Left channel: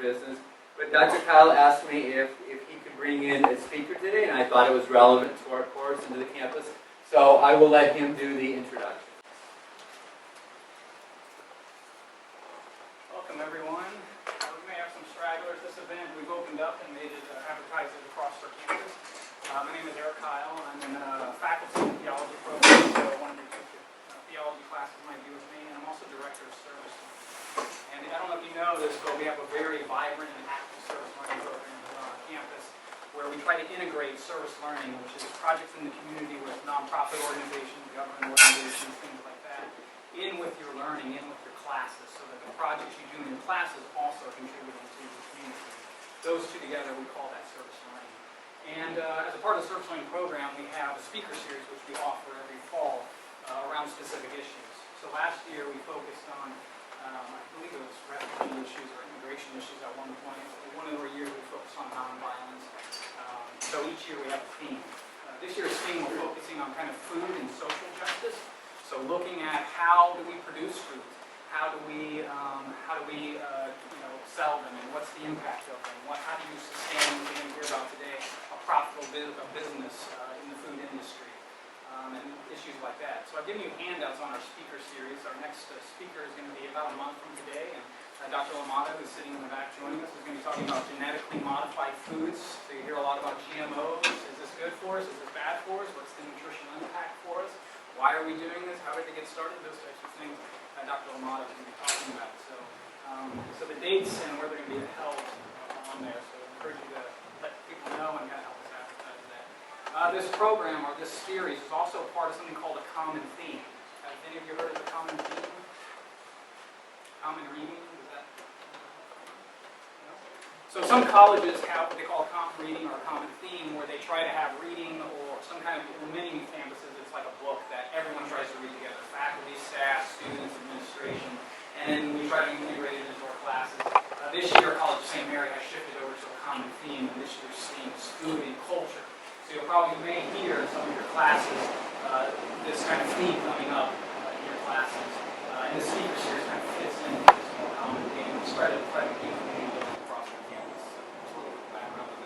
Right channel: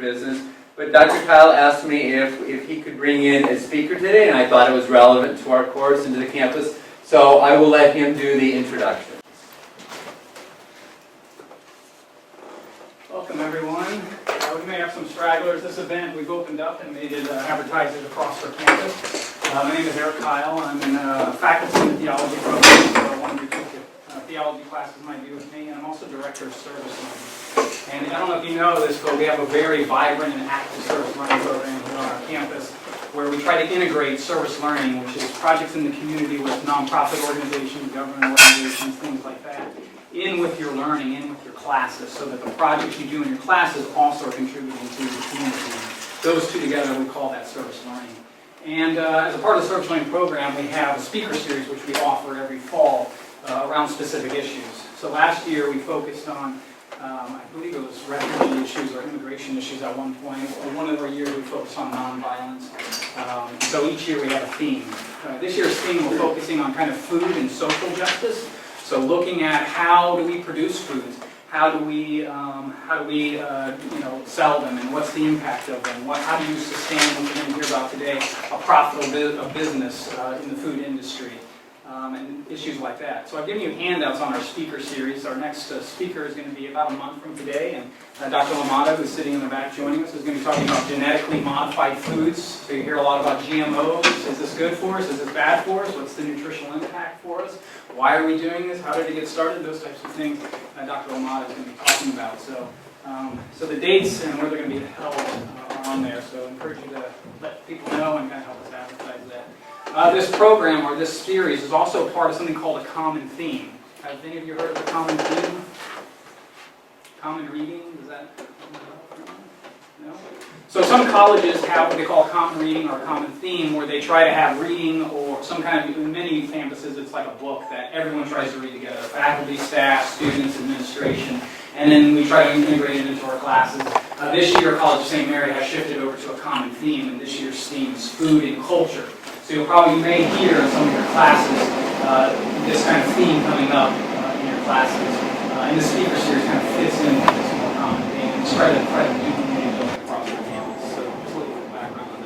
business. But Dr. Kyle asked me if he could bring in a speaker today, and I thought it was relevant to our course and to the campus. So I will let him do the introduction. Welcome, everyone. We may have some stragglers. This event we've opened up and made it advertised it across our campus. My name is Eric Kyle. I'm in faculty in the theology program, so one of your two theology classes might be with me, and I'm also director of service learning. And I don't know if you know this, but we have a very vibrant and active service learning program here on our campus where we try to integrate service learning, which is projects in the community with nonprofit organizations, government organizations, things like that, in with your learning, in with your classes, so that the projects you do in your classes also are contributing to the community. Those two together, we call that service learning. And as a part of the service learning program, we have a speaker series which we offer every fall around specific issues. So last year we focused on, I believe it was refugee issues or immigration issues at one point. One of our years we focused on nonviolence. So each year we have a theme. This year's theme we're focusing on kind of food and social justice. So looking at how do we produce foods, how do we sell them, and what's the impact of them? How do you sustain what we're going to hear about today, a profitable business in the food industry, and issues like that. So I've given you handouts on our speaker series. Our next speaker is going to be about a month from today, and Dr. Lamata, who's sitting in the back joining us, is going to be talking about genetically modified foods. So you hear a lot about GMOs. Is this good for us? Is this bad for us? What's the nutritional impact for us? Why are we doing this? How did it get started? Those types of things Dr. Lamata is going to be talking about. So the dates and where they're going to be held are on there. So I encourage you to let people know and kind of help us advertise that. This program, or this series, is also part of something called a common theme. Have any of you heard of the common theme? Common reading? Is that? No? So some colleges have what they call common reading or common theme, where they try to have reading or some kind of, in many campuses, it's like a book that everyone tries to read together. Faculty, staff, students, administration, and then we try to integrate it into our classes. This year, College of St. Mary has shifted over to a common theme, and this year's theme is food and culture. So you may hear in some of your classes this kind of theme coming up in your classes. And the speaker series kind of fits in with this more common theme. And try to do community across the campus. So just a little bit of background on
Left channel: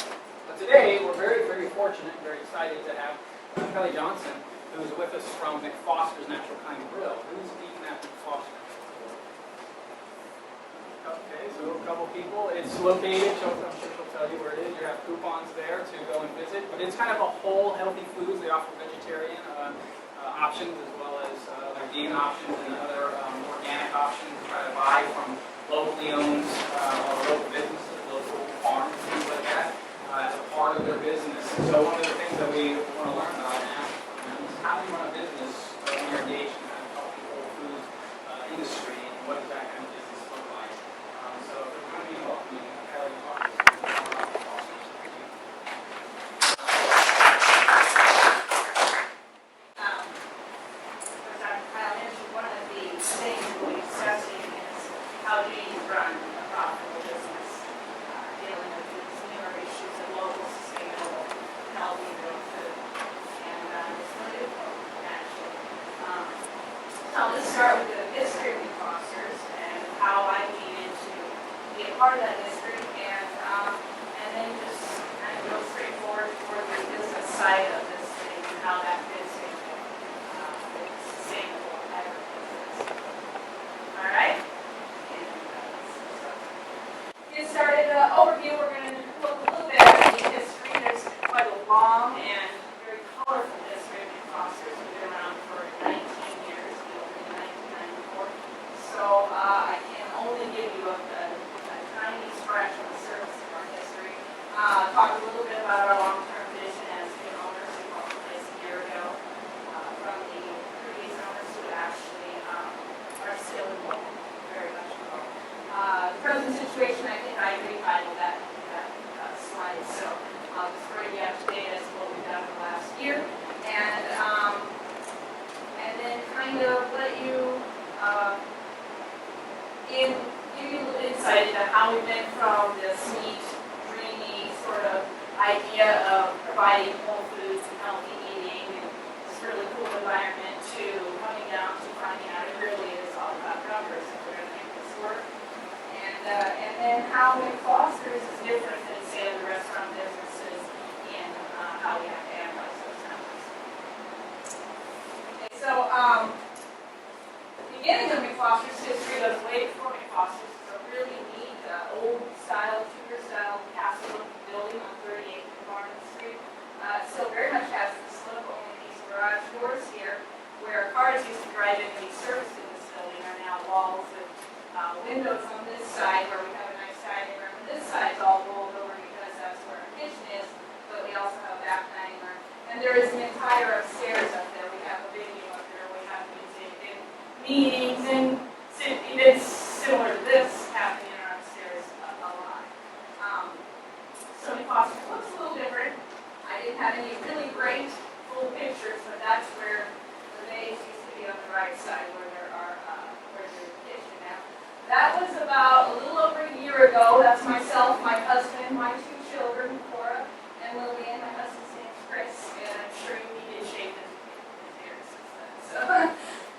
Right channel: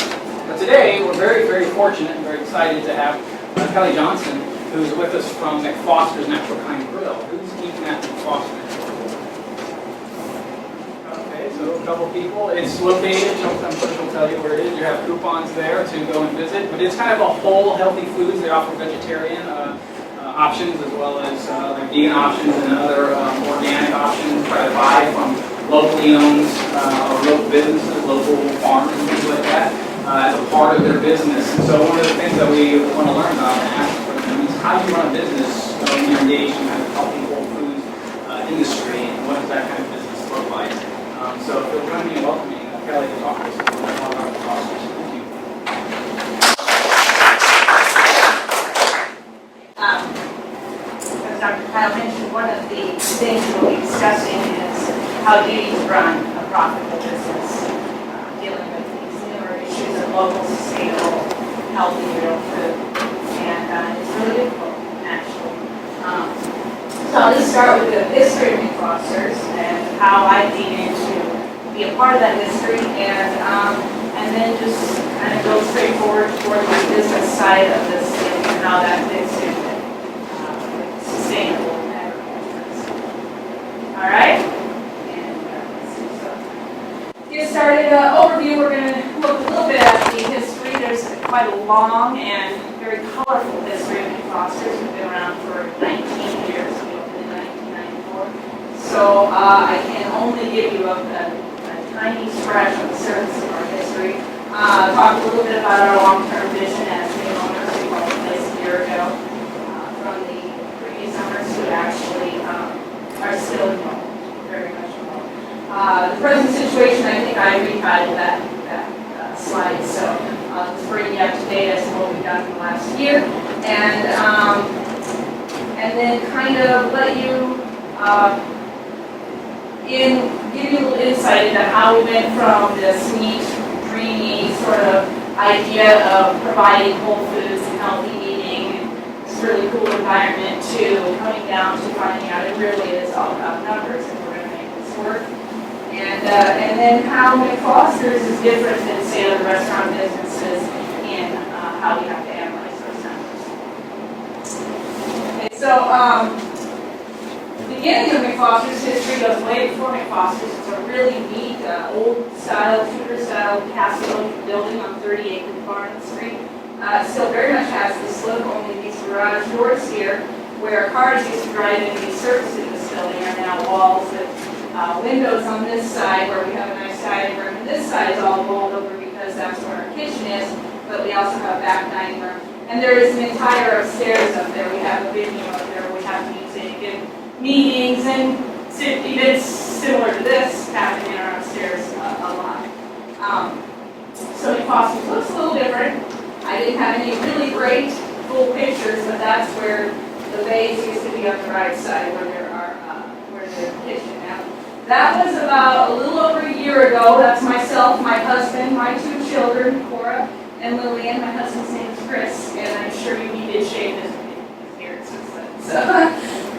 that. But today, we're very, very fortunate and very excited to have Kelly Johnson, who's with us from Mcfosters Natural Kind Grill. Who's eating at Mcfosters? Okay, so a couple people. It's located, I'm sure she'll tell you where it is. You have coupons there to go and visit. But it's kind of a whole healthy foods. They offer vegetarian options as well as their vegan options and other organic options. Try to buy from locally owned or local businesses, local farms and things like that as a part of their business. And so one of the things that we want to learn about and ask for them is how do you run a business when you're engaged in kind of healthy whole foods industry, and what does that kind of business look like? So if you'll join me in welcoming Kelly to talk to us a little more about the process. Thank you. As Dr. Kyle mentioned, one of the things we'll be discussing is how do you run a profitable business, dealing with these newer issues of local, sustainable, healthy, real food. And it's really difficult, actually. So I'll just start with the history of Mcfosters and how I came in to be a part of that history, and then just kind of go straight forward toward the business side of this and how that fits in with sustainable agriculture. All right? And let's see. So, to get started, overview, we're going to look a little bit at the history. There's quite a long and very colorful history of Mcfosters. We've been around for 19 years. We opened in 1994. So I can only give you a tiny scratch on the surface of our history. Talk a little bit about our long-term vision as new owners. We bought the place a year ago from the previous owners who actually are still involved, very much involved. The present situation, I think I retitled that slide, so I'll just bring you up to date as to what we've done in the last year, and then kind of let you give you a little insight into how we went from this neat, dreamy sort of idea of providing whole foods and healthy eating and this really cool environment to coming down to finding out it really is all about numbers if we're going to make this work. And and then how Mcfosters is different than, say, other restaurant businesses in how we have to analyze those numbers. Okay, so the beginning of Mcfosters' history goes way before Mcfosters. It's a really neat, old-style, Tudor-style castle building on 30 acres of Barnum Street. Still very much has this look, only these garage doors here, where cars used to drive in and be serviced in this building, are now walls with windows on this side where we have a nice dining room. And this side is all walled over because that's where our kitchen is, but we also have a back dining room. And there is an entire upstairs up there. We have a venue up there where we have music and meetings and events similar to this happening in our upstairs a lot. So Mcfosters looks a little different. I didn't have any really great full pictures, but that's where the bays used to be on the right side where there are where the kitchen now. That was about a little over a year ago. That's myself, my husband, my 2 children, Cora and Lillian. My husband's name is Chris, and I'm sure he did shave his beard since then. So,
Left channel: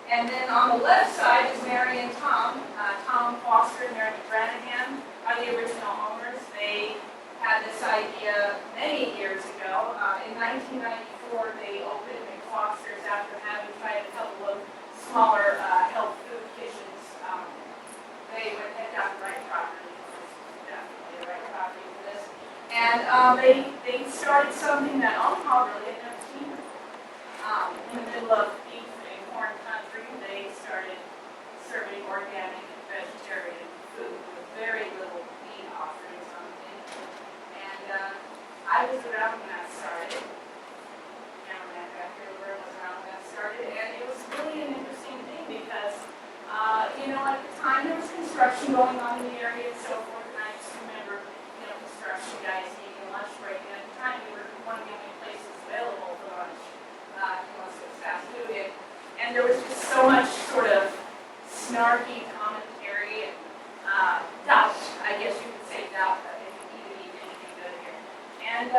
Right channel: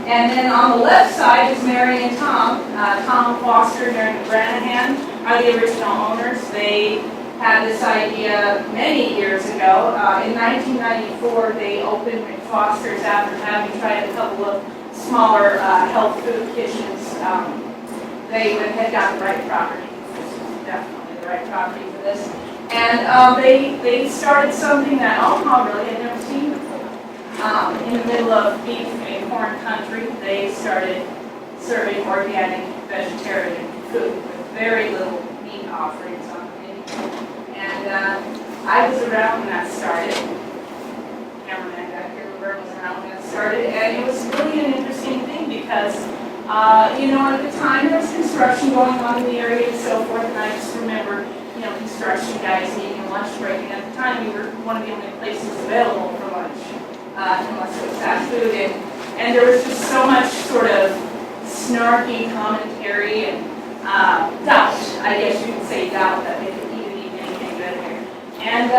and then on the left side is Mary and Tom. Tom Foster and Mary McGranahan are the original owners. They had this idea many years ago. In 1994, they opened Mcfosters after having tried a couple of smaller health food kitchens. They had got the right property. This was definitely the right property for this. And they started something that Omaha really had never seen before. In the middle of beef and corn country, they started serving organic vegetarian food with very little meat offerings on the menu. And I was around when that started. Cameraman back here was around when that started, and it was really an interesting thing because, at the time there was construction going on in the area and so forth, and I just remember, construction guys needing a lunch break, and at the time we were one of the only places available for lunch, unless it was fast food, and there was just so much sort of snarky commentary and doubt, I guess you could say doubt, that they could even eat anything good here. And,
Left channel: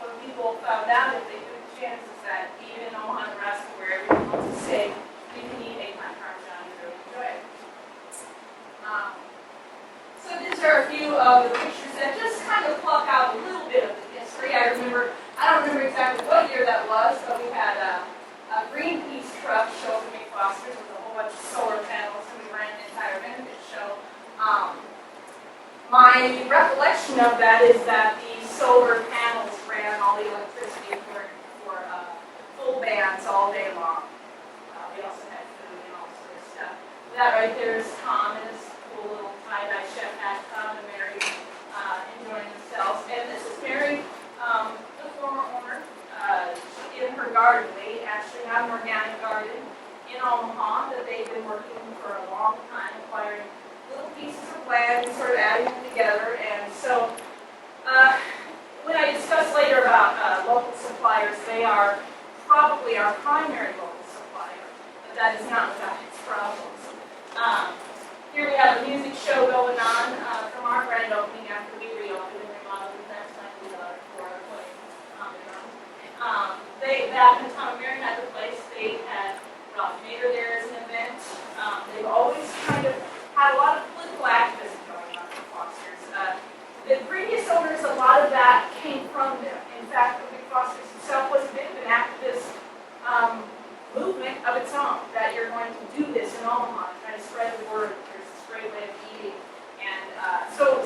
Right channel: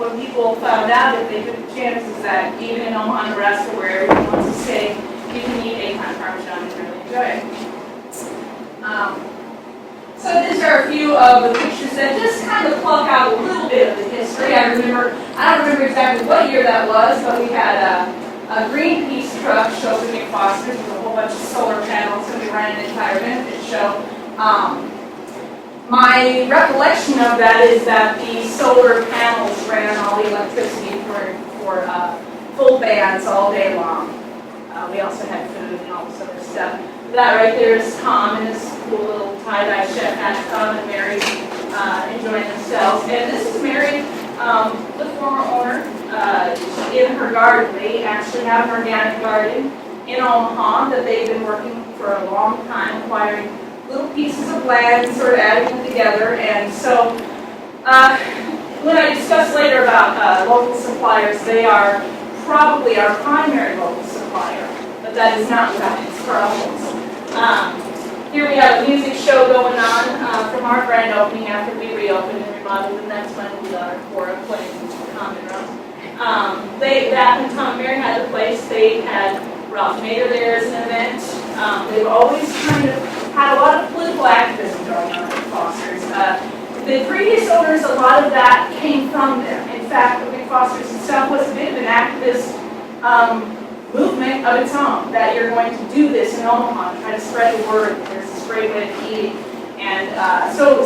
when people found out that they took the chances that even in Omaha, Nebraska, where everyone wants to stay, you can eat egg plant parmesan and really enjoy it. So these are a few of the pictures that just kind of pluck out a little bit of the history. I don't remember exactly what year that was, but we had a Greenpeace truck show up at Mcfosters with a whole bunch of solar panels, and we ran an entire benefit show. My recollection of that is that the solar panels ran all the electricity for full bands all day long. We also had food and all this other stuff. That right there is Tom and his cool little tie-dye chef hat. Tom and Mary enjoying themselves. And this is Mary, the former owner, in her garden. They actually have an organic garden in Omaha that they've been working for a long time, acquiring little pieces of land and sort of adding them together. And so when I discuss later about local suppliers, they are probably our primary local supplier, but that is not without its problems. Here we have a music show going on from our grand opening after we reopened and remodeled, and that's when we got our Cora playing common drums. Back when Tom and Mary had the place, they had Ralph Nader there as an event. They've always kind of had a lot of political activism going on at Foster's. The previous owners, a lot of that came from them. In fact, Mcfosters itself was a bit of an activist movement of its own, that you're going to do this in Omaha, try to spread the word that there's this great way of eating. And so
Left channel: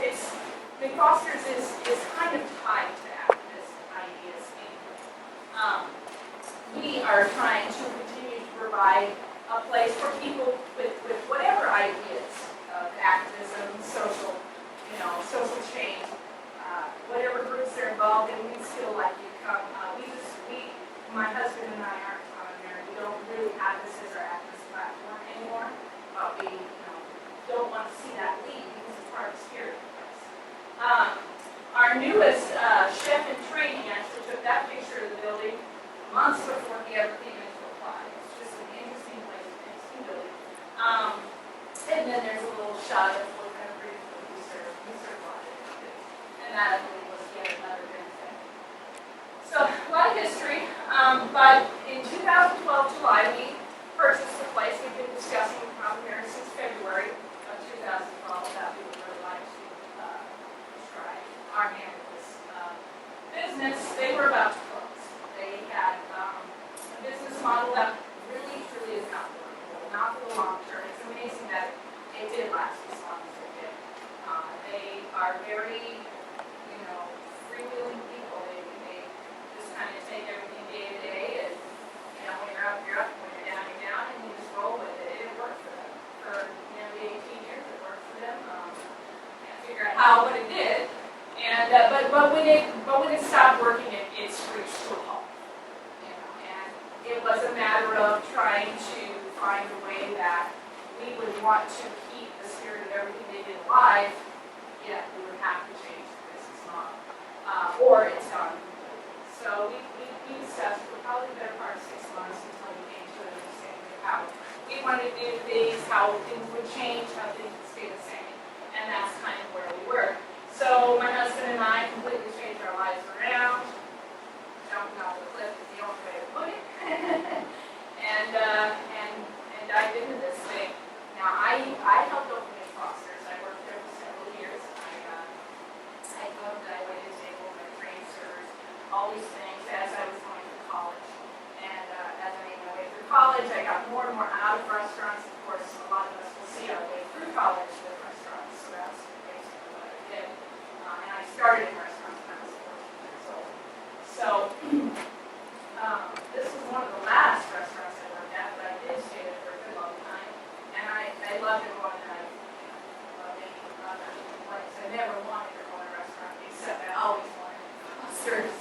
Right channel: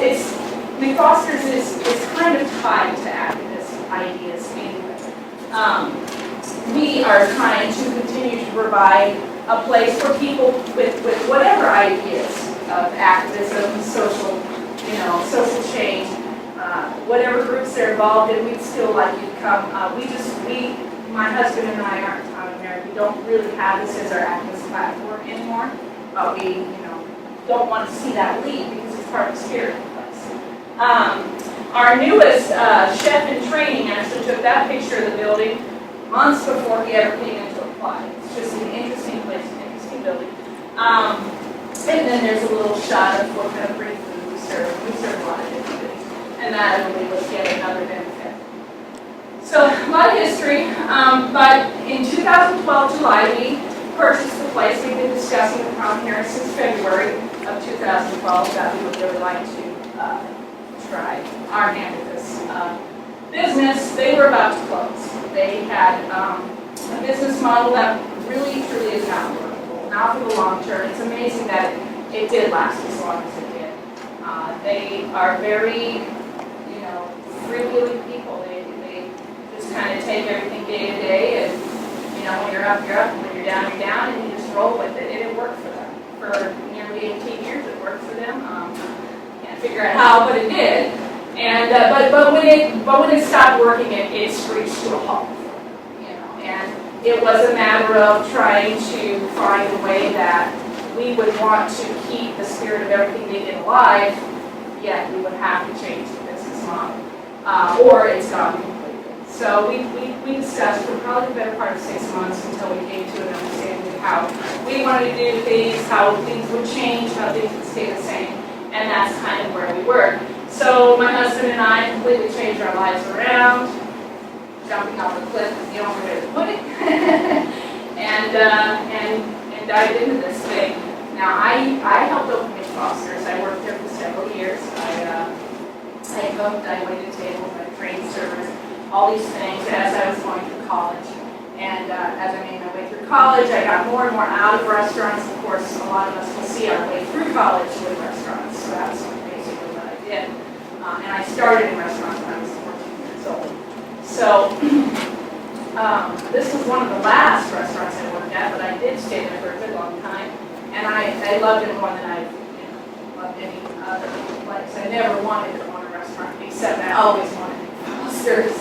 it's, Mcfosters is kind of tied to activist ideas anyway. We are trying to continue to provide a place for people with whatever ideas of activism, social change, whatever groups they're involved in, we'd still like you to come. My husband and I aren't Tom and Mary. We don't really have this as our activist platform anymore, but we, don't want to see that leave because it's part of the spirit of the place. Our newest chef in training actually took that picture of the building months before he ever came in to apply. It's just an interesting place, an interesting building. And then there's a little shot of what kind of great food we serve. We serve a lot of different things. And that, I believe, was yet another benefit. So, a lot of history, but in 2012, July, we purchased the place. We've been discussing the Crown here since February of 2012 that we would really like to try our hand at this business. They were about to close. They had a business model that really, truly is not workable, not for the long term. It's amazing that it did last as long as it did. They are very, freewheeling people. They just kind of take everything day to day, and when you're up, you're up, and when you're down, and you just roll with it. And it worked for them. For nearly 18 years, it worked for them. Can't figure out how, but it did. And but when it stopped working, it screeched to a halt. And it was a matter of trying to find a way that we would want to keep the spirit of everything they did alive, yet we would have to change the business model, or it's gone completely. So we discussed for probably the better part of 6 months until we came to an understanding of how we wanted to do things, how things would change, how things would stay the same, and that's kind of where we were. So my husband and I completely changed our lives around, jumping off the cliff is the only way to put it, and dived into this thing. Now I helped open Mcfosters. I worked there for several years. I cooked, I waited tables, I trained servers, all these things as I was going through college. And as I made my way through college, I got more and more out of restaurants. Of course, a lot of us will see our way through college with restaurants. So that's basically what I did. And I started in restaurants when I was 14 years old. So this was one of the last restaurants I worked at, but I did stay there for a good long time. And I loved it more than I loved any other place. I never wanted to own a restaurant, except I always wanted Mcfosters.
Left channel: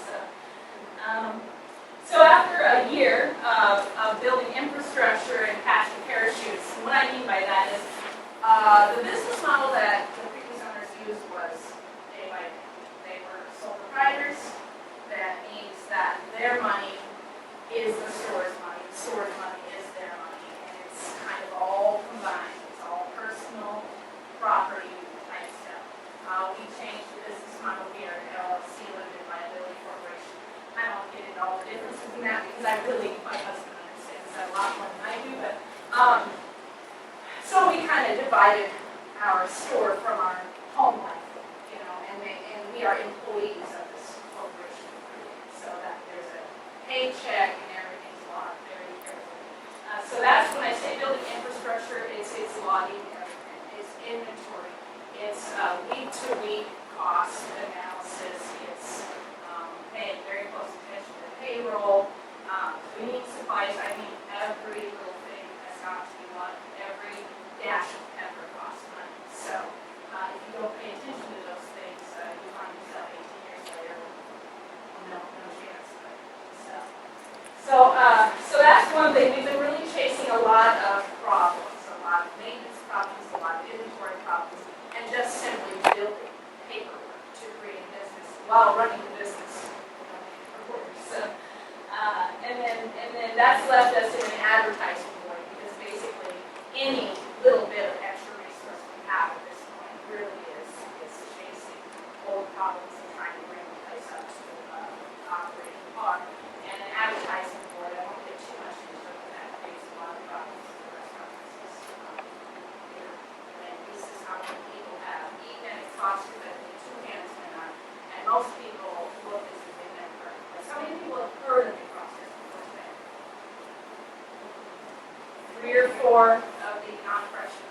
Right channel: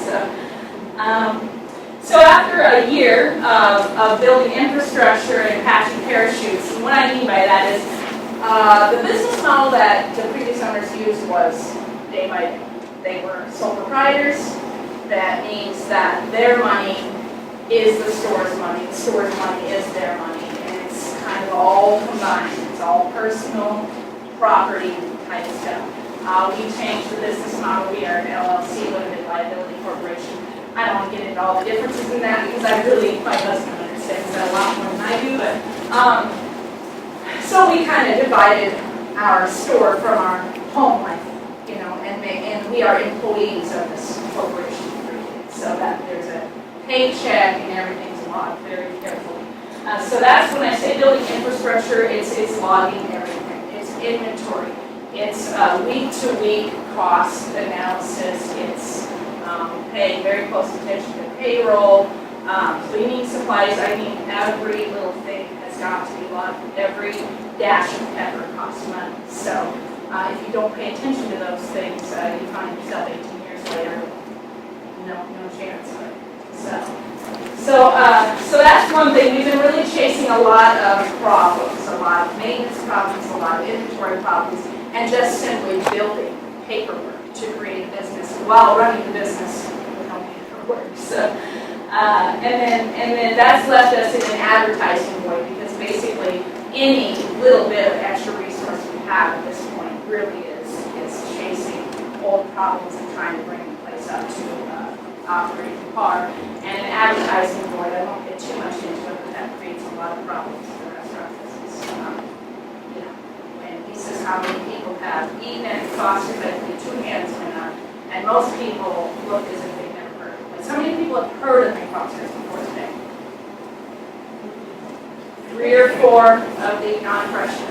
So after a year of building infrastructure and patching parachutes, and what I mean by that is the business model that the previous owners used was day by day. They were sole proprietors. That means that their money is the store's money. The store's money is their money. And it's kind of all combined. It's all personal property type stuff. We changed the business model. We are an LLC, limited liability corporation. I don't want to get into all the differences in that because my husband understands that a lot more than I do. But so we kind of divided our store from our home life, and we are employees of this corporation. So that there's a paycheck and everything's logged very carefully. So that's when I say building infrastructure, it's logging everything. It's inventory. It's week-to-week cost analysis. It's paying very close attention to payroll, cleaning supplies. I mean, every little thing has got to be logged. Every dash of pepper costs money. So if you don't pay attention to those things, you find yourself 18 years later. No chance of it. So that's one thing. We've been really chasing a lot of problems, a lot of maintenance problems, a lot of inventory problems, and just simply building paperwork to create a business while running the business with no paperwork. So, and then that's left us in an advertising void because basically any little bit of extra resource we have at this point really is chasing old problems and trying to bring the place up to operating par, and an advertising void. I won't get too much into it, but that creates a lot of problems for the restaurant business. And he says how many people have eaten at Mcfosters, I think 2 hands went up, and most people look as if they've never heard of it. So how many people have heard of Mcfosters before today? 3 or 4 of the non-freshmen.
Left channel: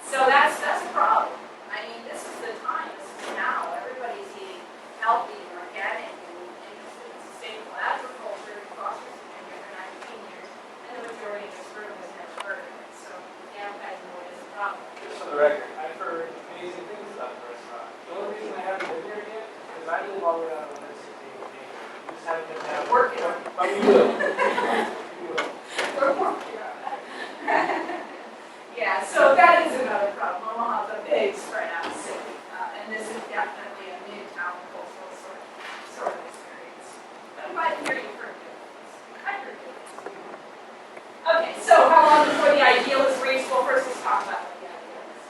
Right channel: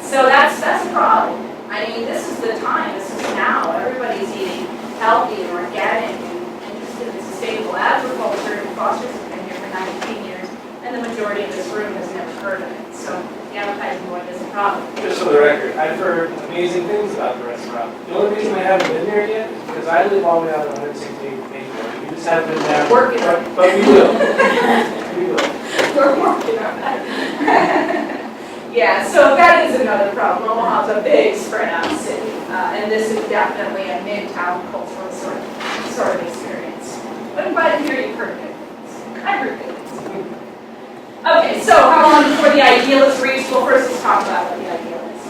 So that's a problem. I mean, this is the time. This is now. Everybody's eating healthy and organic and interested in sustainable agriculture. Mcfosters has been here for 19 years, and the majority of this room has never heard of it. So the advertising void is a problem. Just for the record, I've heard amazing things about the restaurant. The only reason I haven't been there yet is because I live all the way out on 168th Main Road. You just haven't been there. Working on it. But we will. We will. We're working on that. Yeah, so that is another problem. Omaha's a big spread out city, and this is definitely a midtown cultural sort of experience. But I'm glad to hear you've heard good things. I've heard good things. Okay, so how long before the ideal is reached? Well, first let's talk about what the ideal is.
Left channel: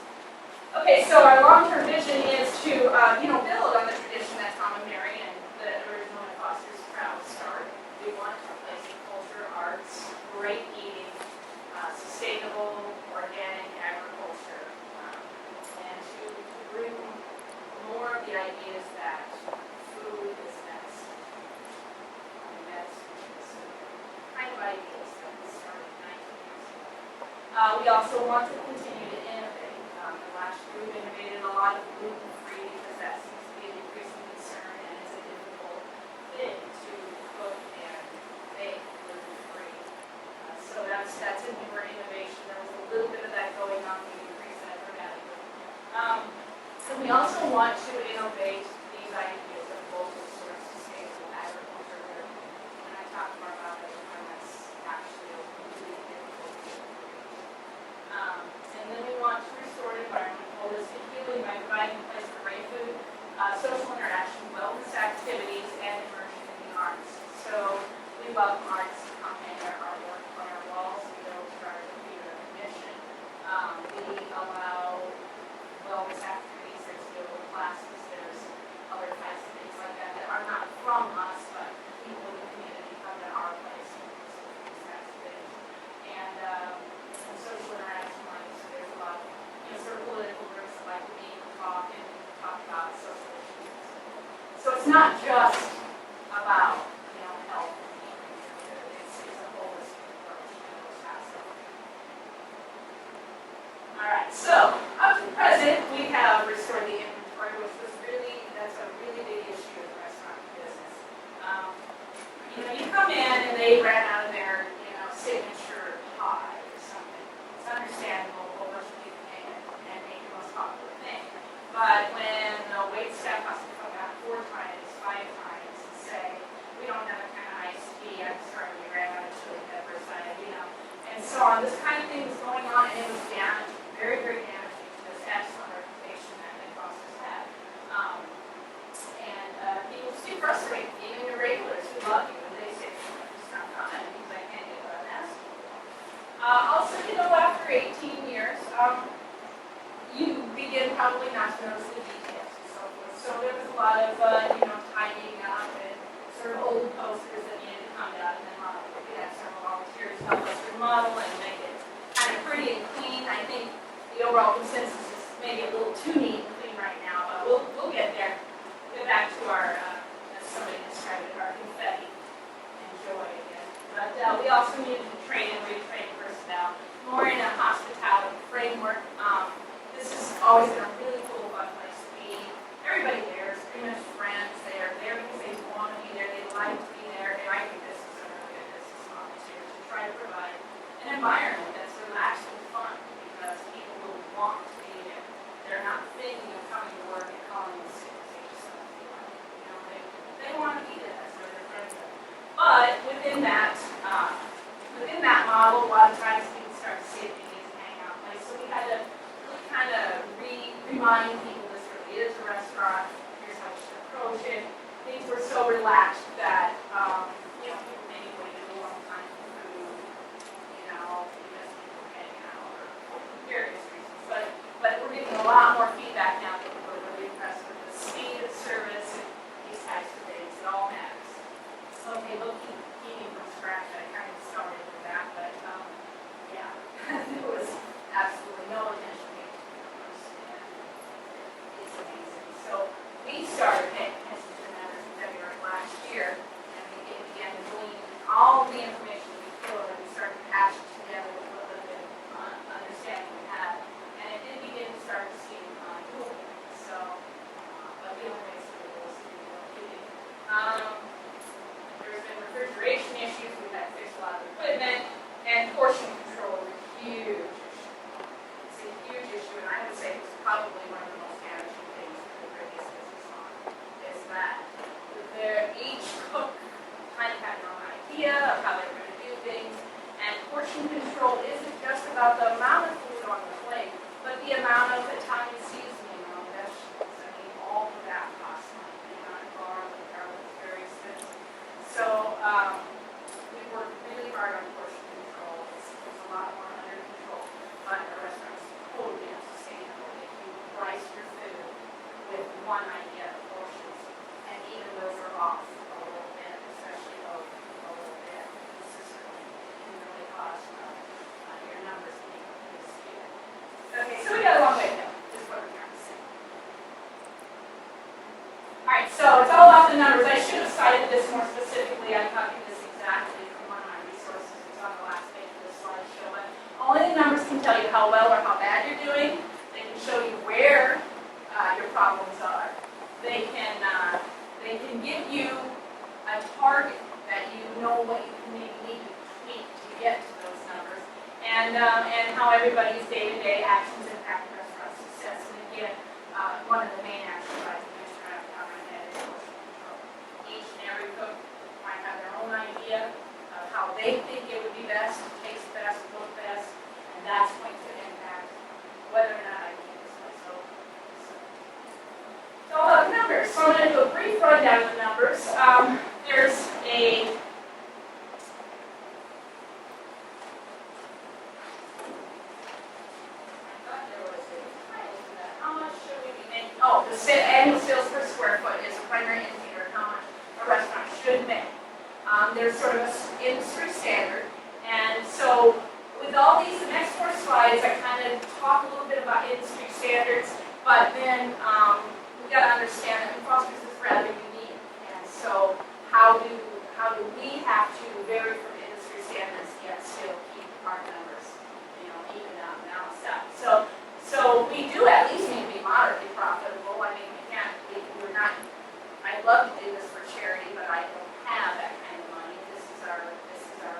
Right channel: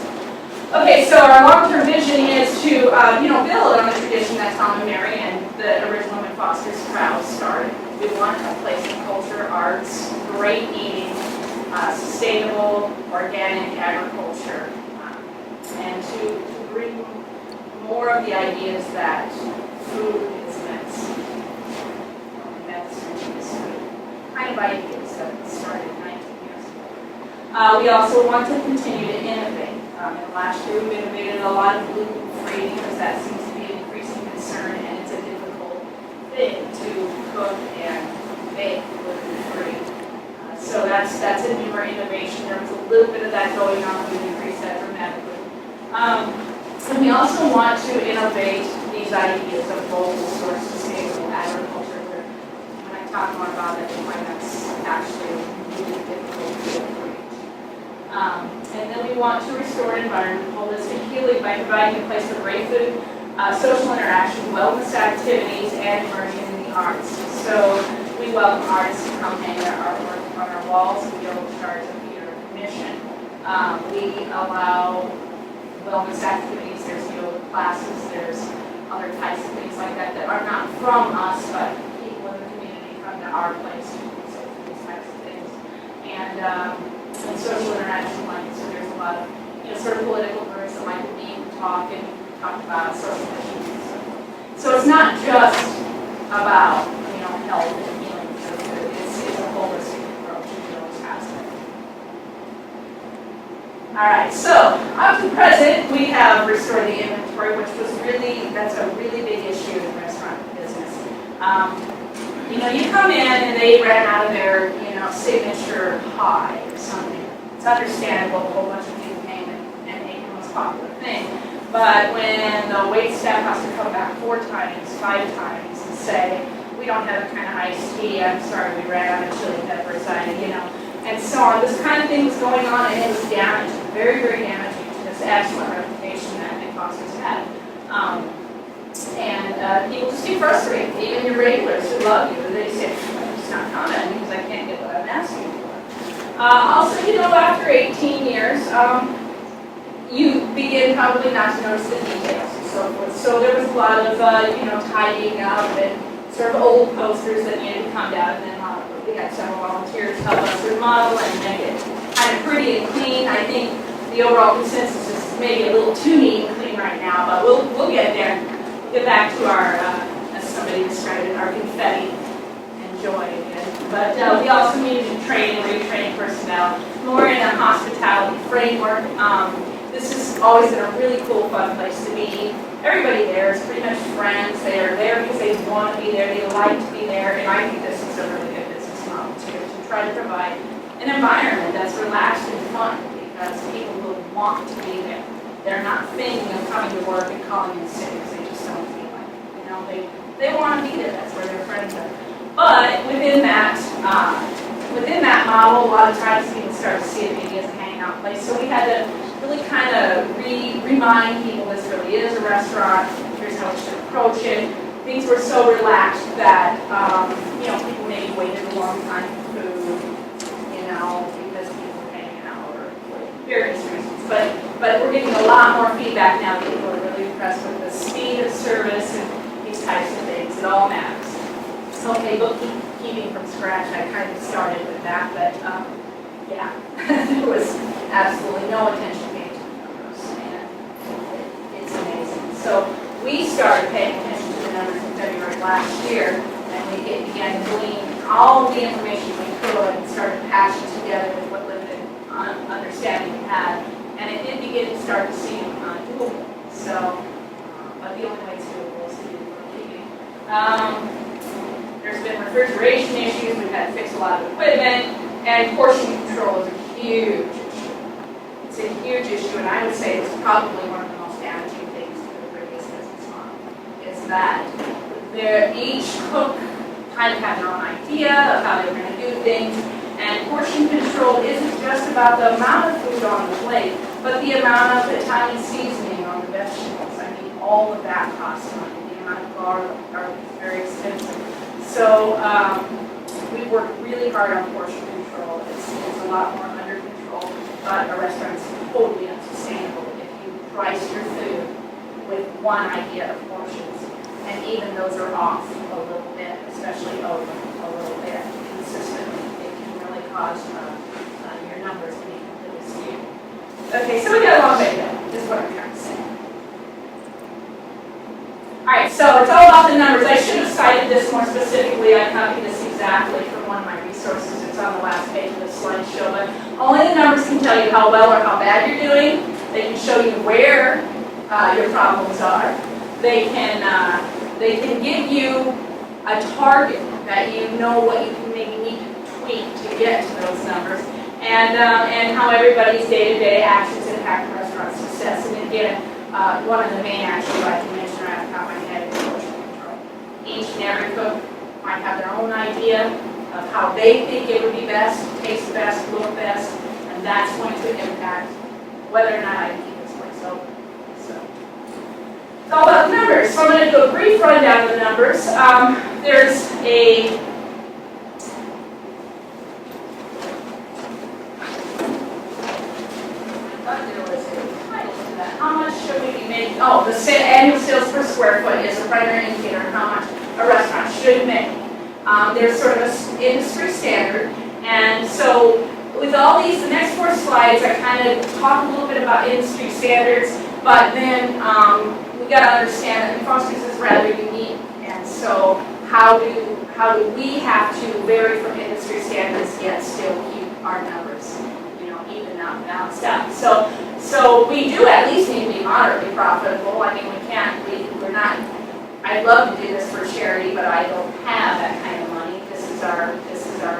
Okay, so our long-term vision is to build on the tradition that Tom and Mary and the original Mcfosters crowd started. We want a place of culture, arts, great eating, sustainable organic agriculture, and to bring more of the ideas that food is medicine. Medicine is food. Kind of ideas that started 19 years ago. We also want to continue to innovate. And last year we innovated a lot of gluten-free because that seems to be an increasing concern, and it's a difficult thing to cook and bake gluten-free. So that's a newer innovation. There was a little bit of that going on. We've increased that dramatically. And we also want to innovate these ideas of local source sustainable agriculture. Where when I talk more about it, I find that's actually a really difficult field to reach. And then we want to restore environment holistic healing by providing a place for great food, social interaction, wellness activities, and immersion in the arts. So we welcome artists to come hang their artwork on our walls. We don't charge a fee or a commission. We allow wellness activities, there's yoga classes, there's other types of things like that that are not from us, but people in the community come to our place to do these types of things. And social interaction, like, so there's a lot of, sort of political groups that like to meet and talk about social issues and so forth. So it's not just about, health and healing through food. It's a holistic approach to those aspects. All right, so up to present, we have restored the inventory, which was that's a really big issue in the restaurant business. You come in and they ran out of their, signature pie or something. It's understandable, a whole bunch of people came and ate the most popular thing. But when the wait staff has to come back 4 times, 5 times and say, we don't have a kind of iced tea, I'm sorry, we ran out of chili peppers, and so on. This kind of thing was going on, and it was damaging, very, very damaging to this excellent reputation that Mcfosters had. And people just get frustrated, even your regulars who love you, they say, I'm just not commenting because I can't get what I'm asking for. Also, after 18 years, you begin probably not to notice the details and so forth. So there was a lot of, tidying up and sort of old posters that needed to come down, and then we had several volunteers help us remodel and make it kind of pretty and clean. I think the overall consensus is maybe a little too neat and clean right now, but we'll get there. We'll get back to our, as somebody described it, our confetti and joy again. But we also needed to train and retrain personnel more in a hospitality framework. This has always been a really cool, fun place to be. Everybody there is pretty much friends. They are there because they want to be there. They like to be there. And I think this is a really good business model too, to try to provide an environment that's relaxed and fun because people will want to be there. They're not thinking of coming to work and calling in sick because they just don't feel like it. They want to be there. That's where their friends are. But within that model, a lot of times people start to see it maybe as a hangout place. So we had to really kind of remind people this really is a restaurant. Here's how we should approach it. Things were so relaxed that people maybe waited a long time for food, because people were hanging out or various reasons. But we're getting a lot more feedback now. People are really impressed with the speed of service and these types of things. It all matters. Okay, bookkeeping from scratch. I kind of started with that, but there was absolutely no attention paid to the numbers, and it's amazing. So we started paying attention to the numbers in February last year, and we began to glean all the information we could and started patching together with what limited understanding we had, and it did begin to start to seem doable. So, but the only way it's doable is to do bookkeeping. There's been refrigeration issues. We've had to fix a lot of equipment, and portion control is a huge issue. It's a huge issue, and I would say it's probably one of the most damaging things to the previous business model, is that each cook kind of had their own idea of how they were going to do things, and portion control isn't just about the amount of food on the plate, but the amount of Italian seasoning on the vegetables. I mean, all of that costs money. The amount of garlic is very expensive. So we worked really hard on portion control. It's a lot more under control, but a restaurant is totally unsustainable if you price your food with one idea of portions, and even those are off a little bit, especially over a little bit consistently. It can really cause your Okay, so we got a long way to go, is what I'm trying to say. All right, so it's all about the numbers. I should have cited this more specifically. I copied this exactly from one of my resources. It's on the last page of the slideshow, but only the numbers can tell you how well or how bad you're doing. They can show you where your problems are. They can give you a target that you know what you can maybe need to tweak to get to those numbers, and how everybody's day-to-day actions impact restaurant success. And again, one of the main actions I can mention right off the top of my head is portion control. Each and every cook might have their own idea of how they think it would be best, taste best, look best, and that's going to impact whether or not I keep this place open. So it's all about the numbers. So I'm going to do a brief rundown of the numbers. There's a how much should we be making? Oh, the annual sales per square foot is a primary indicator of how much a restaurant should make. There's sort of an industry standard, and so with all these, the next 4 slides, I kind of talk a little bit about industry standards, but then we got to understand that Mcfosters is rather unique, and so how do we have to vary from industry standards yet still keep our numbers, even out, balanced out? So we do at least need to be moderately profitable. I mean, we're not, I'd love to do this for charity, but I don't have that kind of money. This is our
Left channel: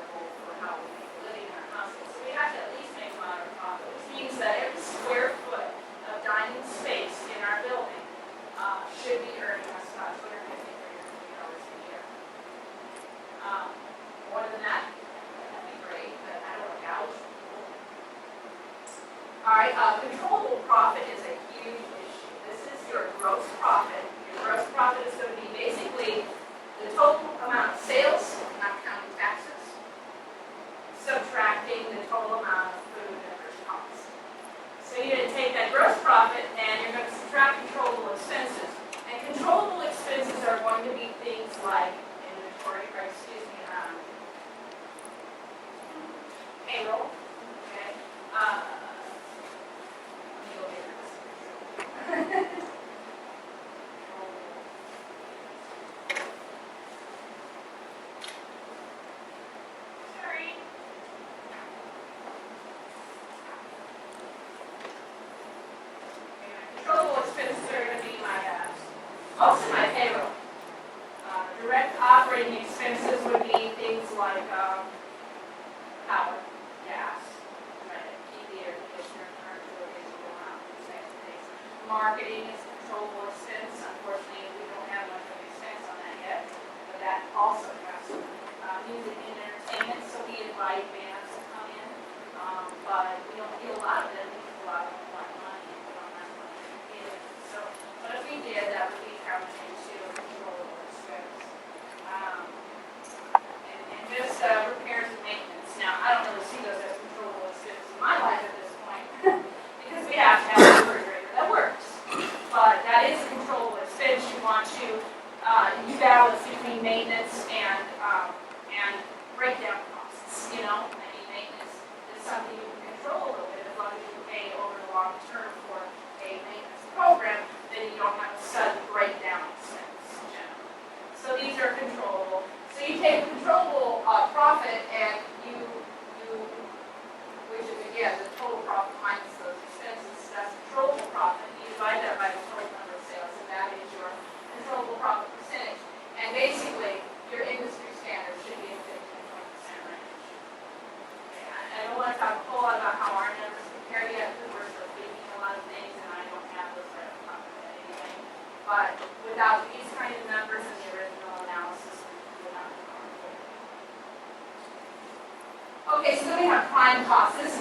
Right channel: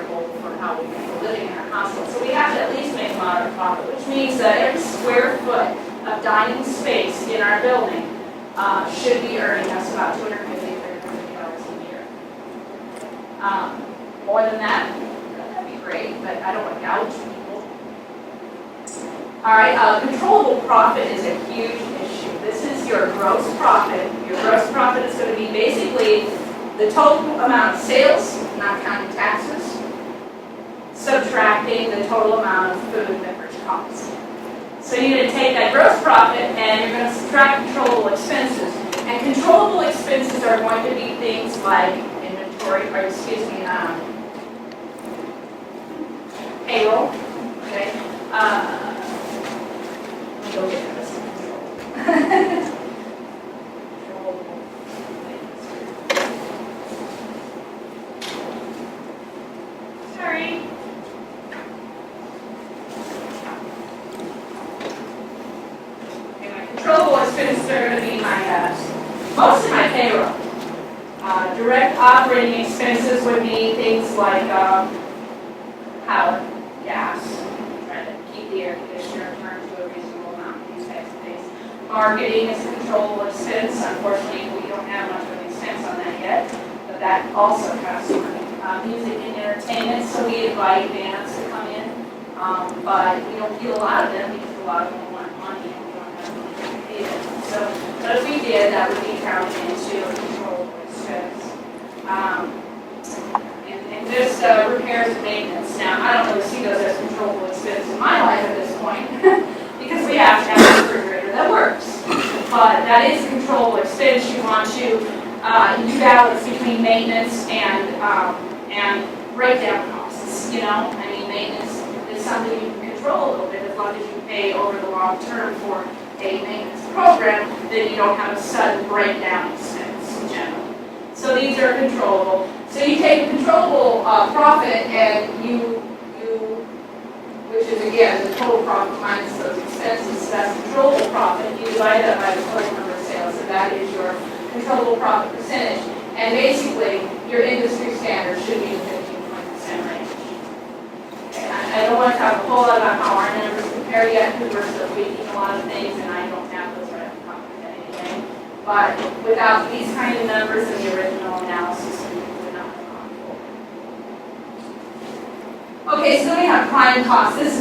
goal for how we make a living in our hospital. So we have to at least make moderate profit, which means that every square foot of dining space in our building should be earning us about $250 to $350 a year. More than that, that'd be great, but I don't want to gouge people. All right, controllable profit is a huge issue. This is your gross profit. Your gross profit is going to be basically the total amount of sales, not counting taxes, subtracting the total amount of food and beverage costs. So you're going to take that gross profit and you're going to subtract controllable expenses. And controllable expenses are going to be things like inventory, or excuse me, payroll. Okay. Let me go get this control. Sorry. Okay, my controllable expenses are going to be my most of my payroll. Direct operating expenses would be things like power, gas, trying to keep the air conditioner turned to a reasonable amount, these types of things. Marketing is a controllable expense. Unfortunately, we don't have much of an expense on that yet, but that also costs money. Music and entertainment, so we invite bands to come in, but we don't get a lot of them because a lot of them want money and we don't have money to pay them. So, but if we did, that would be counted into a controllable expense. And just repairs and maintenance. Now, I don't really see those as controllable expenses in my life at this point because we have to have a refrigerator that works. But that is a controllable expense. You want to you balance between maintenance and breakdown costs. I mean, maintenance is something you can control a little bit as long as you pay over the long term for a maintenance program, then you don't have a sudden breakdown expense in general. So these are controllable. So you take a controllable profit and which is again the total profit minus those expenses, so that's controllable profit. You divide that by the total number of sales, so that is your controllable profit percentage. And basically, your industry standard should be in the 15-20% range. Okay, I don't want to talk a whole lot about how our numbers compare yet, because we're still tweaking a lot of things, and I don't have those right off the top of my head anyway. But without these kind of numbers in the original analysis, we would not have gone forward. Okay, so then we have prime costs. This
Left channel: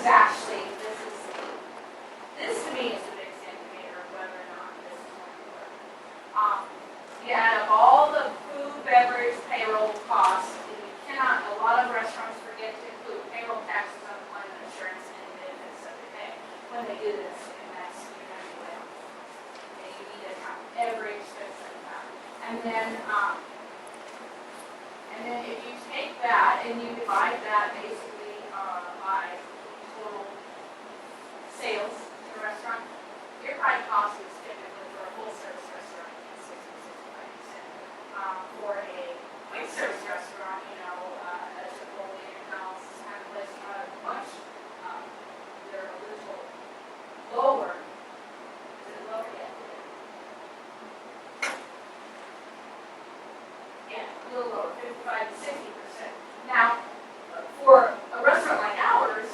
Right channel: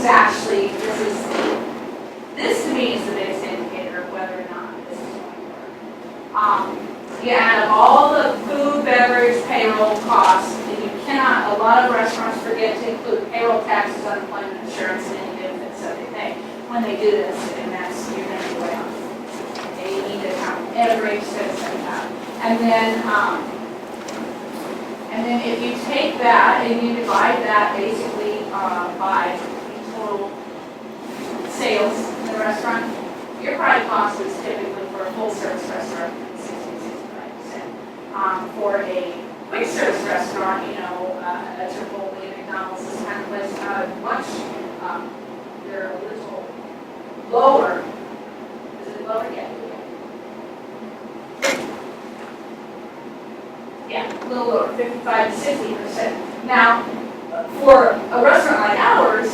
to me is the biggest indicator of whether or not this is going to work. You add up all the food, beverage, payroll costs, and you cannot, a lot of restaurants forget to include payroll taxes, unemployment insurance, and any benefits that they pay when they do this, and that's, you're going to be way off. Okay, you need to count every expense that you have. And then if you take that and you divide that basically by the total sales, the restaurant, your prime cost is typically for a full-service restaurant, 60 to 65%. For a quick-service restaurant, you know, a Chipotle, McDonald's, this kind of place, much, they're a little lower. Is it lower yet? Yeah, a little lower, 55 to 60%. Now, for a restaurant like ours,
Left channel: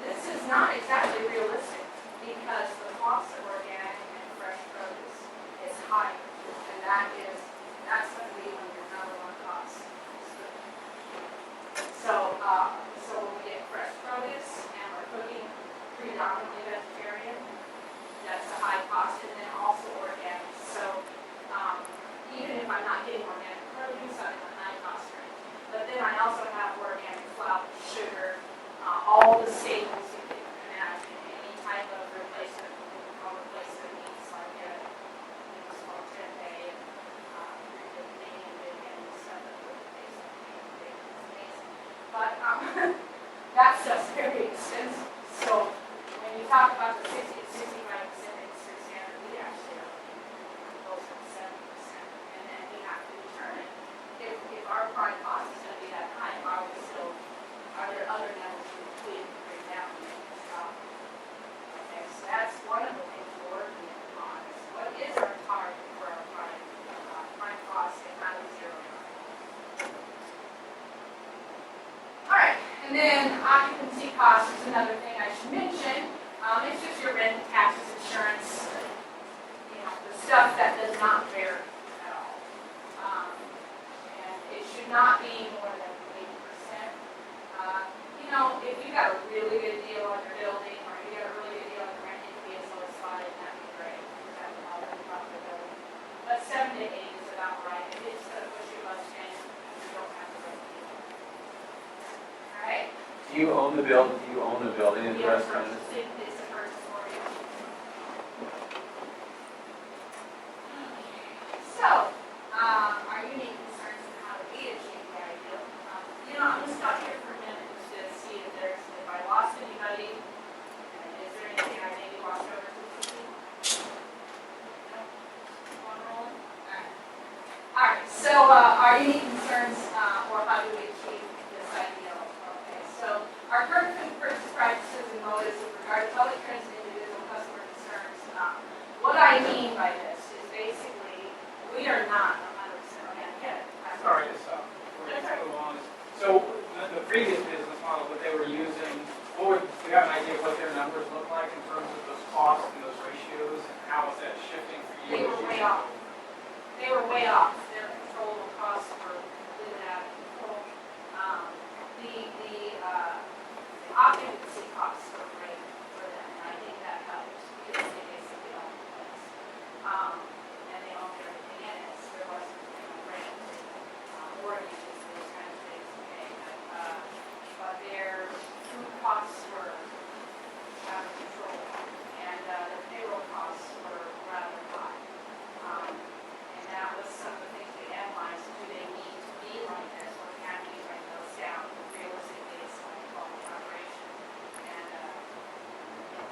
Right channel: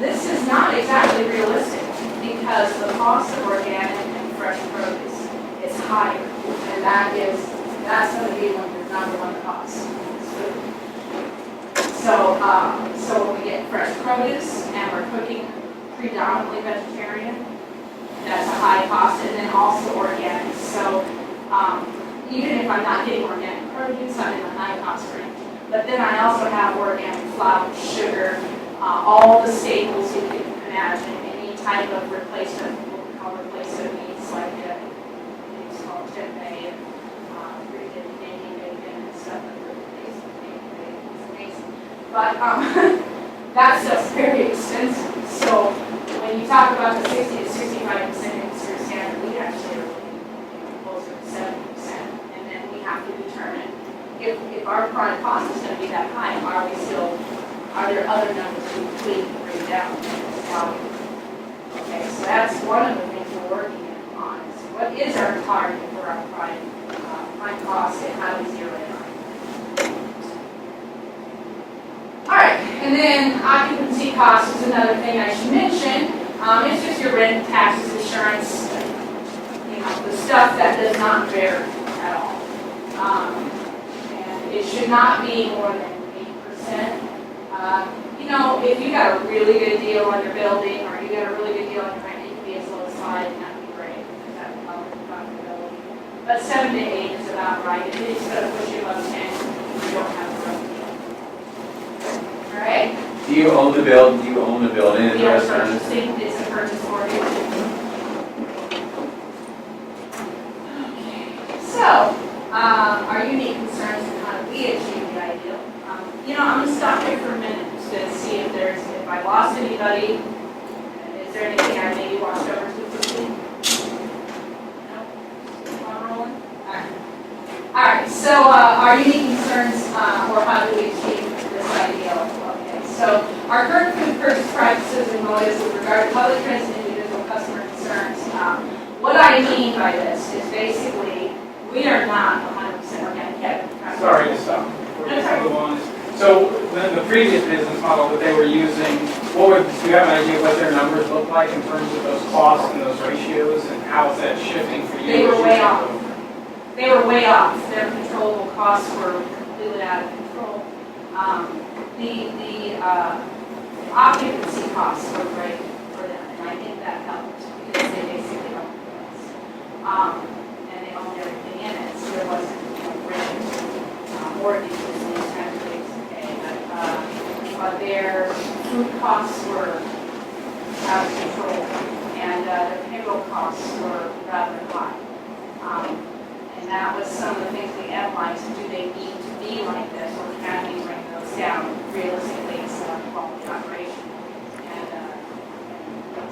this is not exactly realistic because the cost of organic and fresh produce is higher, and that's going to be one of your number one costs. Is food. So when we get fresh produce and we're cooking predominantly vegetarian, that's a high cost, and then also organic. So even if I'm not getting organic produce, I'm in the high cost range. But then I also have organic flour, sugar, all the staples you can imagine, any type of replacement, what we call replacement meats, like it's called tempeh and Canadian bacon and stuff like that. Canadian bacon is amazing. But that stuff's very expensive. So when you talk about the 60 to 65% industry standard, we actually are looking closer to 70%. And then we have to determine if our product cost is going to be that high, are there other numbers we can bring down? Okay, so that's one of the things we're working on. Is what is our target for our prime cost and how do we zero in on it? All right, and then occupancy cost is another thing I should mention. It's just your rent, taxes, insurance, you know, the stuff that does not vary at all. And it should not be more than 8%. You know, if you got a really good deal on your building or you got a really good deal on your rent, you can be as low as 5, and that would be great because that would help with profitability. But 7 to 8 is about right. If it's going to push you above 10, you don't have a rough deal. All right? Do you own the building? Do you own the building in the We are restaurant? purchasing, it's a purchase mortgage. Okay. So, our unique concerns and how do we achieve the ideal? You know, I'm going to stop here for a minute just to see if I lost anybody. Is there anything I maybe watched over too quickly? No? Keep on rolling? All right, so our unique concerns, or how do we achieve this ideal? Okay, so our current food purchase practices and motives with regard to public trends and individual customer concerns. What I mean by this is basically we are not 100% organic yet. Sorry to stop before we move on. So the previous business model that they were using, do you have an idea what their numbers look like in terms of those costs and those ratios, and how is that shifting for you? They were way off. They were way off. Their controllable costs were completely out of control. The occupancy costs were great for them, and I think that helped because they basically owned the place. And they owned everything in it, so there wasn't rent, mortgages, and these kind of things to pay. But their food costs were out of control, and their payroll costs were rather high. And that was some of the things we analyzed. Do they need to be like this, or can we bring those down? Realistically, it's a quality operation. And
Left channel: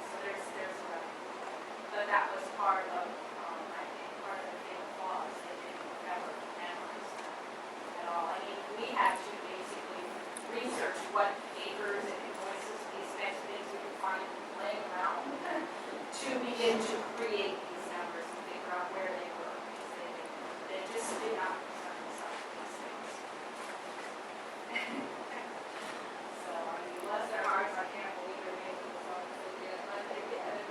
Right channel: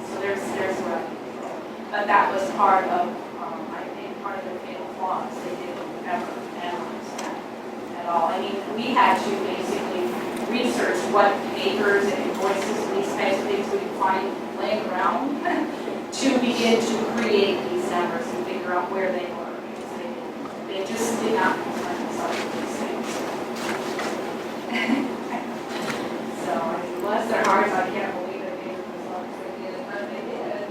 so there's what I control. But that was part of, I think, part of the fatal flaws. They didn't ever analyze that at all. I mean, we had to basically research what papers and invoices and these types of things we could find laying around to begin to create these numbers and figure out where they were. They just did not concern themselves with these things. So, I mean, bless their hearts, I can't believe they made it as long as they did, but they did.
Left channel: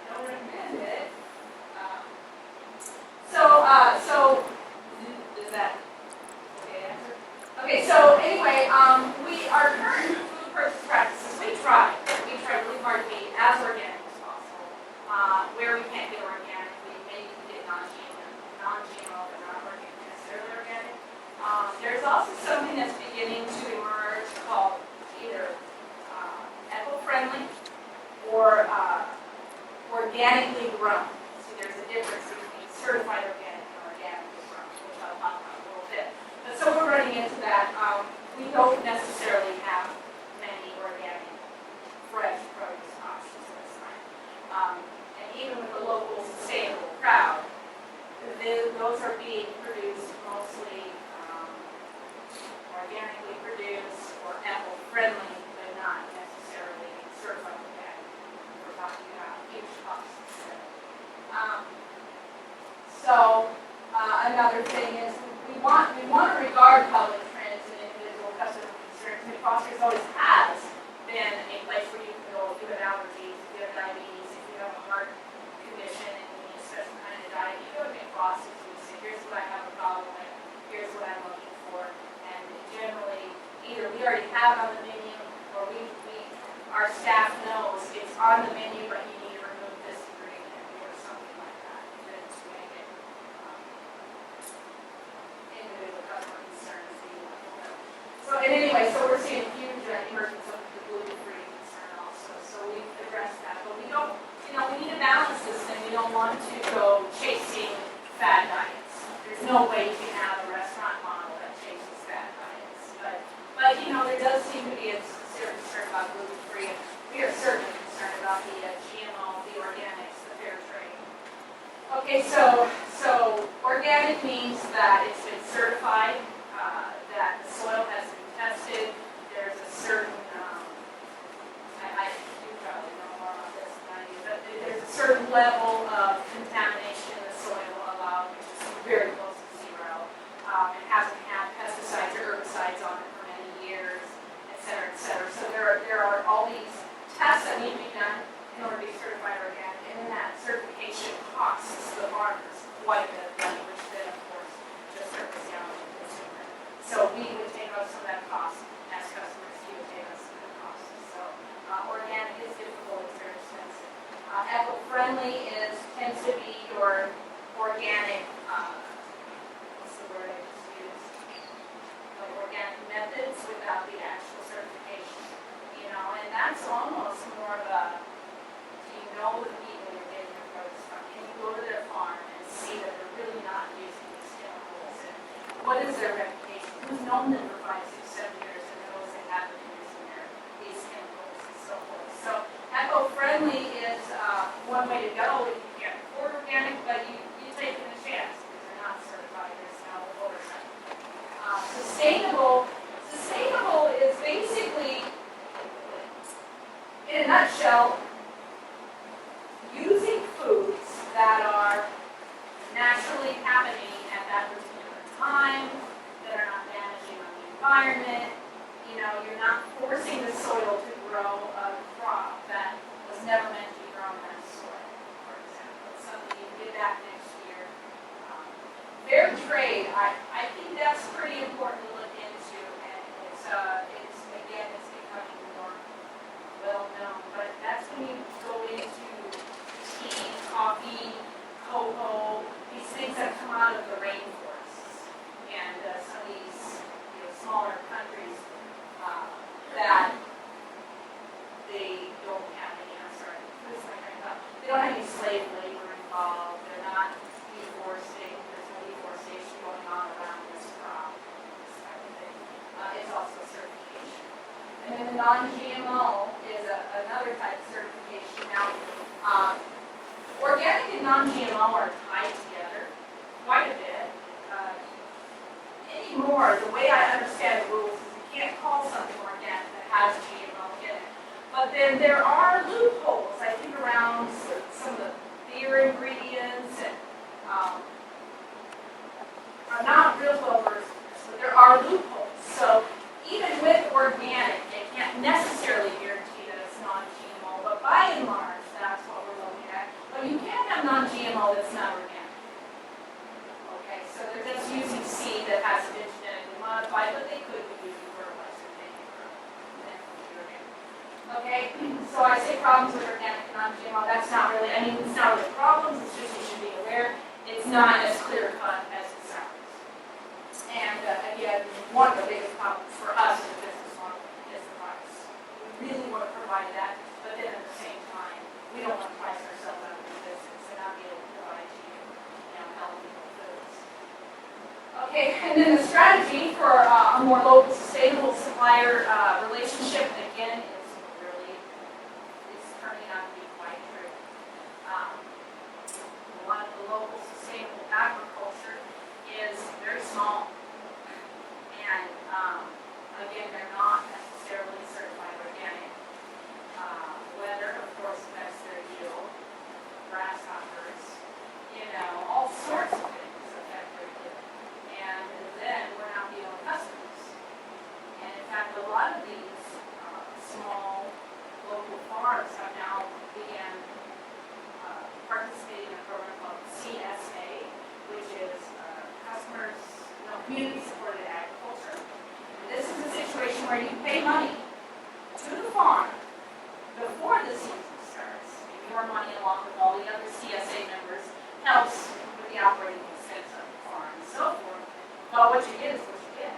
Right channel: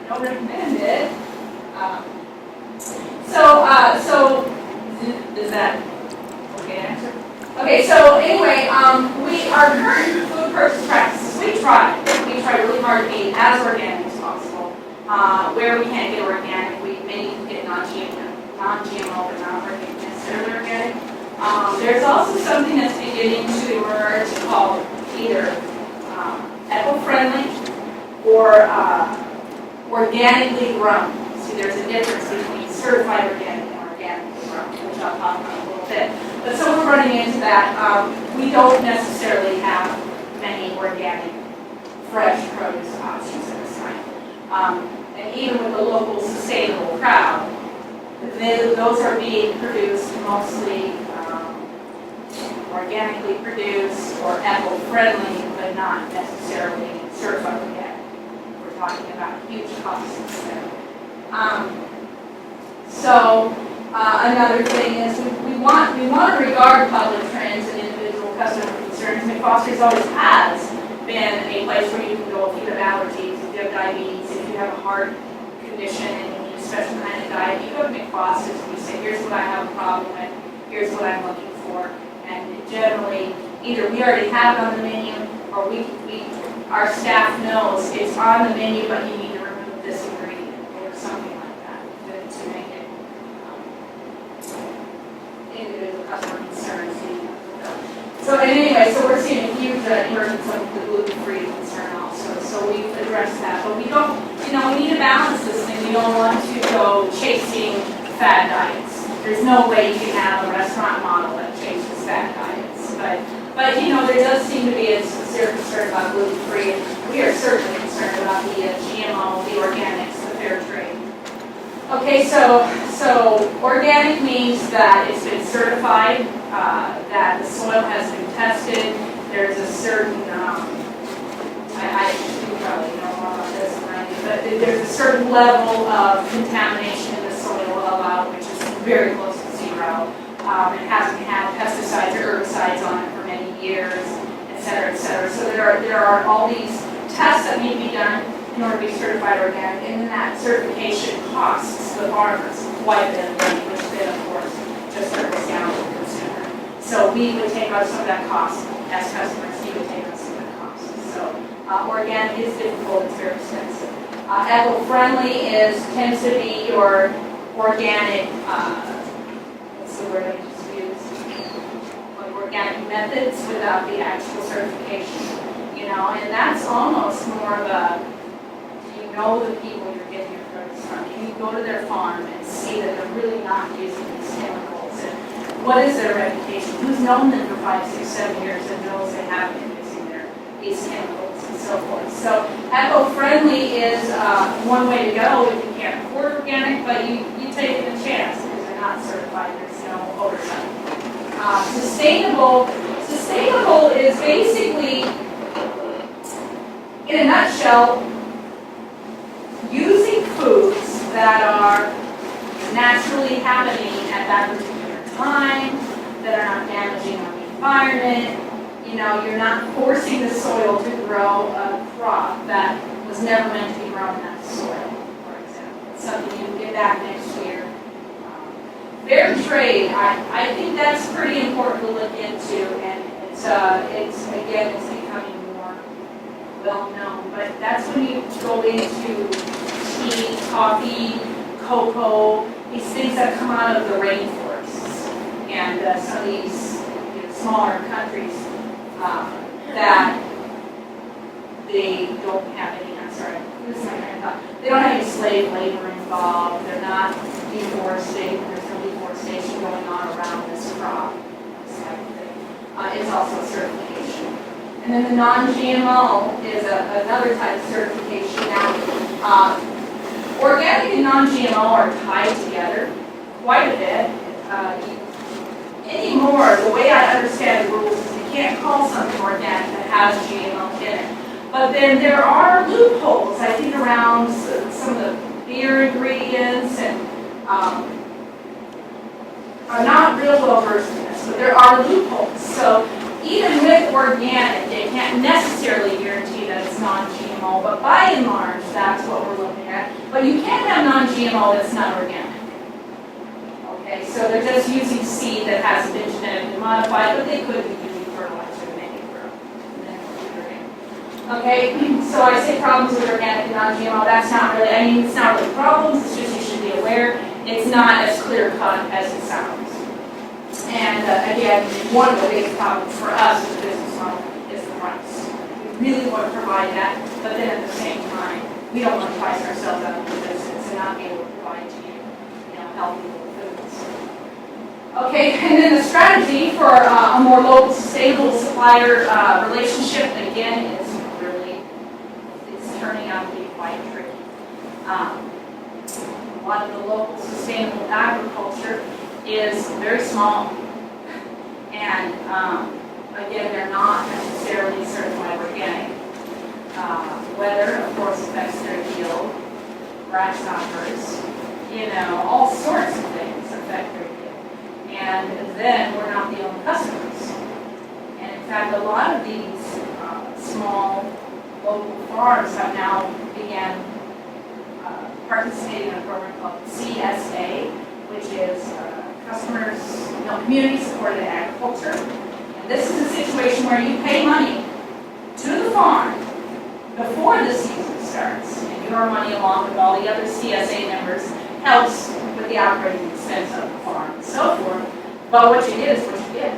I don't recommend it. Is that okay answer? Okay, so anyway, our current food purchase practices, we try really hard to be as organic as possible. Where we can't get organic, we maybe can get non-GMO, but not necessarily organic. There's also something that's beginning to emerge called either eco-friendly or organically grown. See, there's a difference between certified organic and organically grown, which I'll talk about in a little bit. But so we're running into that. We don't necessarily have many organic, fresh produce options at this time. And even with the local sustainable crowd, those are being produced mostly organically produced or eco-friendly, but not necessarily certified organic. We're talking about huge costs there. Another thing is we want to regard public trends and individual customer concerns. Mcfosters always has been a place where you can go if you have allergies, if you have diabetes, if you have a heart condition and you need a special kind of diet. You go to Mcfosters and you say, here's what I have a problem with, here's what I'm looking for. And generally, either we already have it on the menu or our staff knows it's on the menu, but you need to remove this ingredient or something like that to make it individual customer concerns. So anyway, so we're seeing a huge emergence of the gluten-free concern also. So we've addressed that, but we don't, we need to balance this thing. We don't want to go chasing fad diets. There's no way you can have a restaurant model that chases fad diets. But there does seem to be a sincere concern about gluten-free, and we are certainly concerned about the GMO, the organics, the fair trade. Okay, so organic means that it's been certified, that the soil has been tested. There's a certain, you probably know more about this than I do, but there's a certain level of contamination in the soil allowed, which is very close to zero. It hasn't had pesticides or herbicides on it for many years, et cetera, et cetera. So there are all these tests that need to be done in order to be certified organic, and that certification costs the farmers quite a bit of money, which then, of course, just trickles down to the consumer. So we would take on some of that cost as customers. You would take on some of that cost. So organic is difficult. It's very expensive. Eco-friendly tends to be your organic. What's the word I just used? Like organic methods without the actual certification. And that's almost more of a. The people you're getting your produce from. Can you go to their farm and see that they're really not using these chemicals? And what is their reputation? Who's known them for 5, 6, 7 years and knows they have been using these chemicals and so forth? So eco-friendly is one way to go if you can't afford organic, but you take it a chance because they're not certified. There's no oversight. Sustainable is basically, in a nutshell, using foods that are naturally happening at that particular time, that are not damaging our environment. You're not forcing the soil to grow a crop that was never meant to be grown in that soil, for example. It's something you can get back next year. Fair trade, I think that's pretty important to look into, and it's becoming more well known, but that's when you go into tea, coffee, cocoa, these things that come out of the rainforests, and some of these smaller countries that they don't have any, they don't have any slave labor involved, they're not deforesting, there's no deforestation going on around this crop, this type of thing. It's also certification. And then the non-GMO is another type of certification. Now, organic and non-GMO are tied together quite a bit. Anymore, the way I understand the rules is you can't call something organic that has GMO in it. But then there are loopholes, I think, around some of the beer ingredients, and I'm not real well versed in this, but there are loopholes. So even with organic, it can't necessarily guarantee that it's non-GMO, but by and large, that's what we're looking at. But you can have non-GMO that's not organic. Okay, so they're just using seed that hasn't been genetically modified, but they could be using fertilizer to make it grow. Okay, so I say problems with organic and non-GMO, that's not really, it's not really problems, it's just you should be aware. It's not as clear-cut as it sounds. And again, one of the biggest problems for us as a business model is the price. We really want to provide that, but then at the same time, we don't want to price ourselves out of the business and not be able to provide to you, healthy foods. Okay, and then the strategy for a more local, sustainable supplier relationship, again, is really, it's turning out to be quite tricky. A lot of the local sustainable agriculture is very small. And again, they're not necessarily certified organic. Weather, of course, affects their yield, grasshoppers, all sorts of things affect their yield. And then we're not the only customers. And in fact, a lot of these small local farms have now began participating in a program called CSA, which is community supported agriculture. And this is a situation where you pay money to the farm before the season starts, and your money, along with all the other CSA members, helps with the operating expense of the farm and so forth. But what you get is what you get.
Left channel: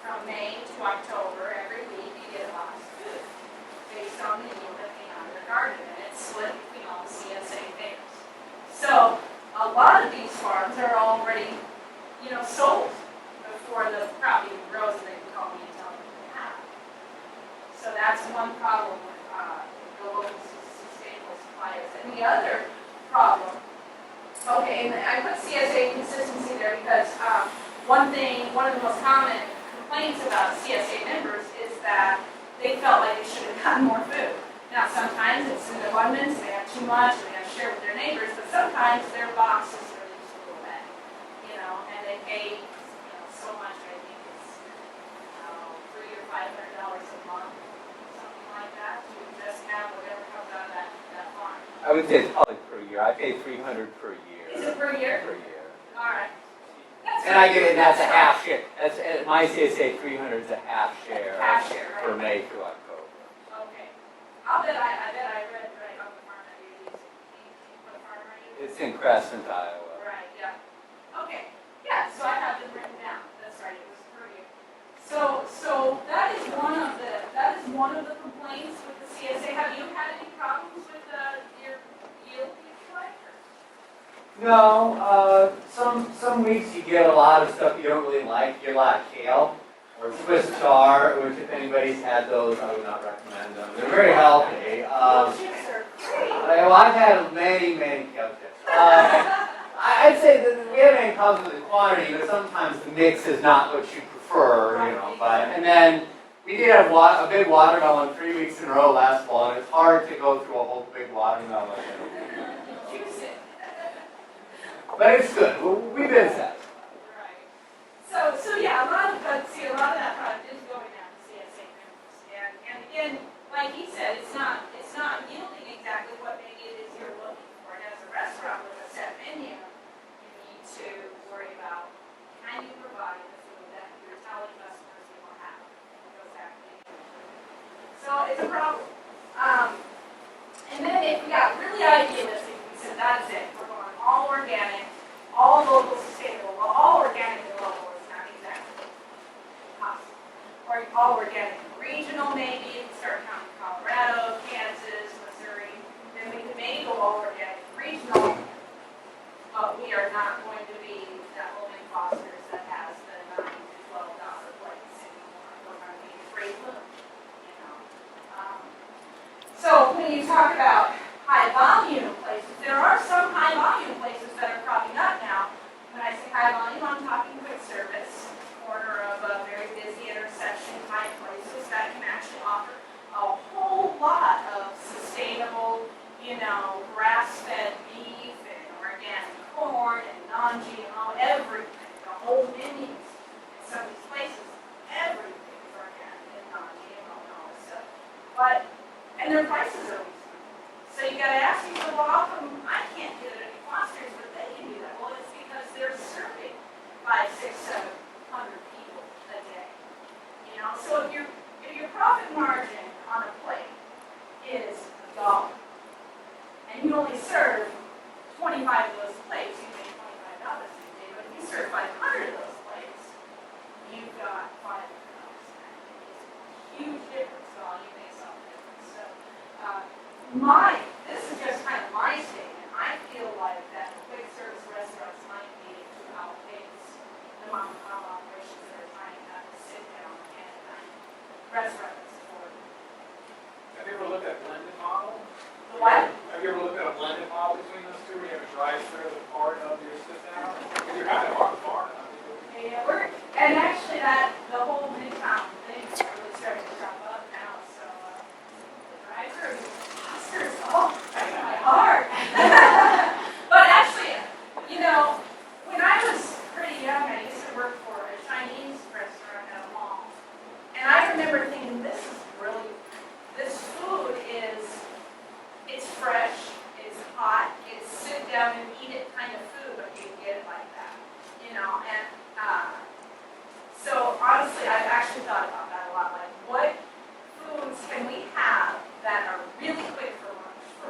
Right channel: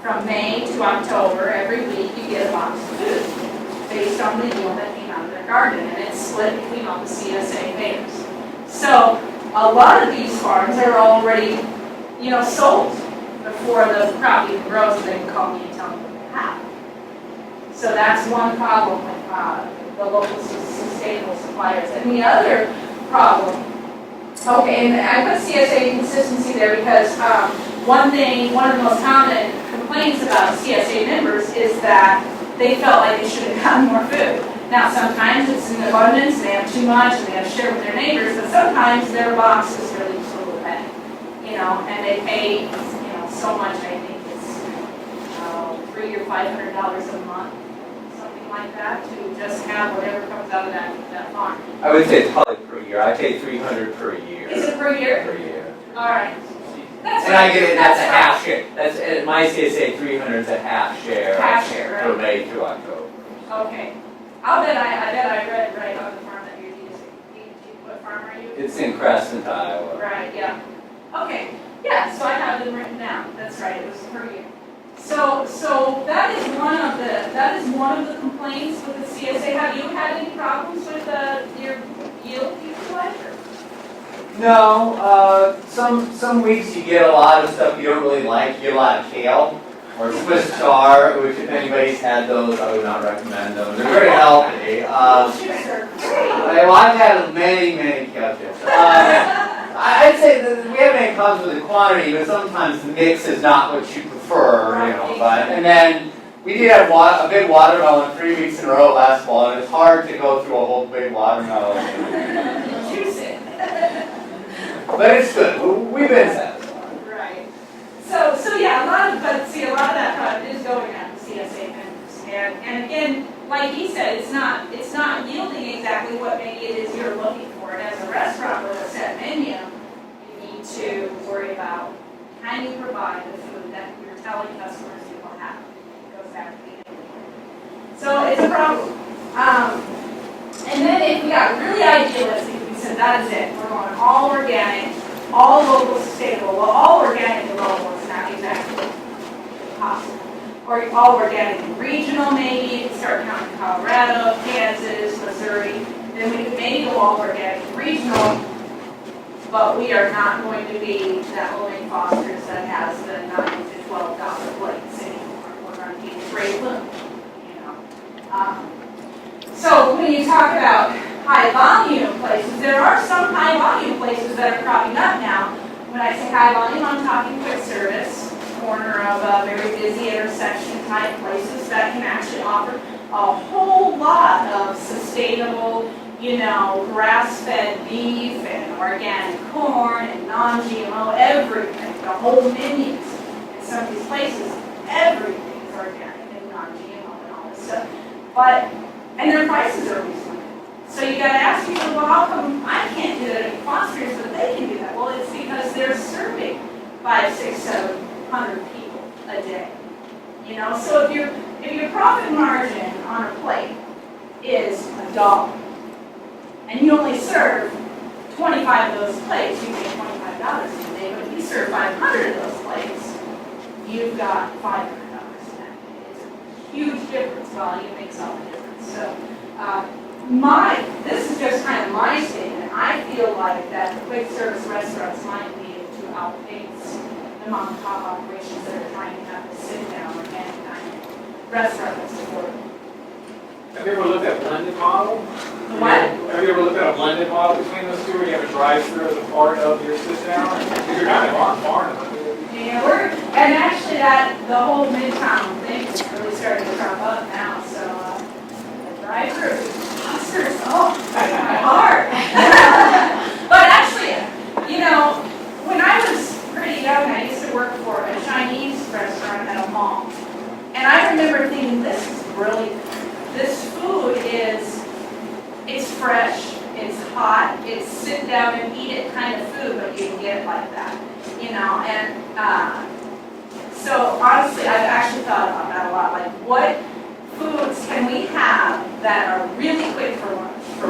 From May to October, every week you get a box of food based on the yield that came out of their garden, and it's split between all the CSA payers. So a lot of these farms are already, sold before the crop even grows, and they can call me and tell me what they have. So that's one problem with the local sustainable suppliers. And the other problem, okay, and I put CSA consistency there because one of the most common complaints about CSA members is that they felt like they should have gotten more food. Now, sometimes it's in abundance, they have too much, and they have to share with their neighbors, but sometimes their box is really just a little bit, and they pay, so much, I think it's $300 or $500 a month, something like that, to just have whatever comes out of that farm. I would say it's probably per year. I pay $300 per year. Is it per year? Per year. All right. That's And right. I get it, that's a right. half share. That's, at my CSA, 300 is a half share. Half share, right? For May through October. Okay. I bet I read right on the farm that you're using. What farm are you? It's in Crescent, Iowa. Right, yeah. Okay, yeah, so I have them written down. That's right, it was per year. So that is one of the complaints with the CSA. Have you had any problems with your yield equalizer? No, some weeks you get a lot of stuff you don't really like. You get a lot of kale or Swiss chard, which if anybody's had those, I would not recommend them. They're very healthy. Chips are great. Well, I've had many kale chips. I'd say that we haven't had problems with the quantity, but sometimes the mix is not what you prefer, But and then we did have a big watermelon 3 weeks in a row last fall, and it's hard to go through a whole big watermelon. Juice it. But it's good. We've been satisfied. Right. So yeah, a lot of that product is going out to CSA members. And again, like he said, it's not yielding exactly what maybe it is you're looking for. And as a restaurant with a set menu, you need to worry about, can you provide the food that you're telling customers you will have? It goes back to the end. So it's a problem. And then if we got really idealistic, we said that is it. We're going all organic, all local sustainable. Well, all organic and local is not exactly possible. Or all organic and regional, maybe. You can start counting Colorado, Kansas, Missouri. Then we could maybe go all organic and regional. But we are not going to be that old Mcfosters that has the $9 to $12 plates anymore. We're going to be Great Bloom, So when you talk about high volume places, there are some high volume places that are cropping up now. When I say high volume, I'm talking quick service, corner of a very busy intersection type places that can actually offer a whole lot of sustainable, grass-fed beef and organic corn and non-GMO, everything, the whole menus. In some of these places, everything is organic and non-GMO and all this stuff. And their prices are reasonable. So you got to ask yourself, well, how come I can't do that at Mcfosters, but they can do that? Well, it's because they're serving 500, 600, 700 people a day. So if your profit margin on a plate is $1, and you only serve 25 of those plates, you make $25 a day. But if you serve 500 of those plates, you've got $500 in that day. It's a huge difference. Volume makes all the difference. So this is just kind of my statement. I feel like that the quick service restaurants might be able to outpace the mom and pop operations that are trying to have a sit down organic dining restaurant that's affordable. Have you ever looked at blended model? What? Have you ever looked at a a blended model between those two, where you have a drive-through as a part of your sit-down? Because you're kind of on Farnham. Yeah, and actually the whole Midtown thing is really starting to crop up now, so, the drive-through, Mcfosters, oh, my heart. But actually, when I was pretty young, I used to work for a Chinese restaurant at a mall. And I remember thinking, this is brilliant. This food it's fresh, it's hot, it's sit down and eat it kind of food, but you can get it like that, and so honestly, I've actually thought about that a lot, like what foods can we have that are really quick for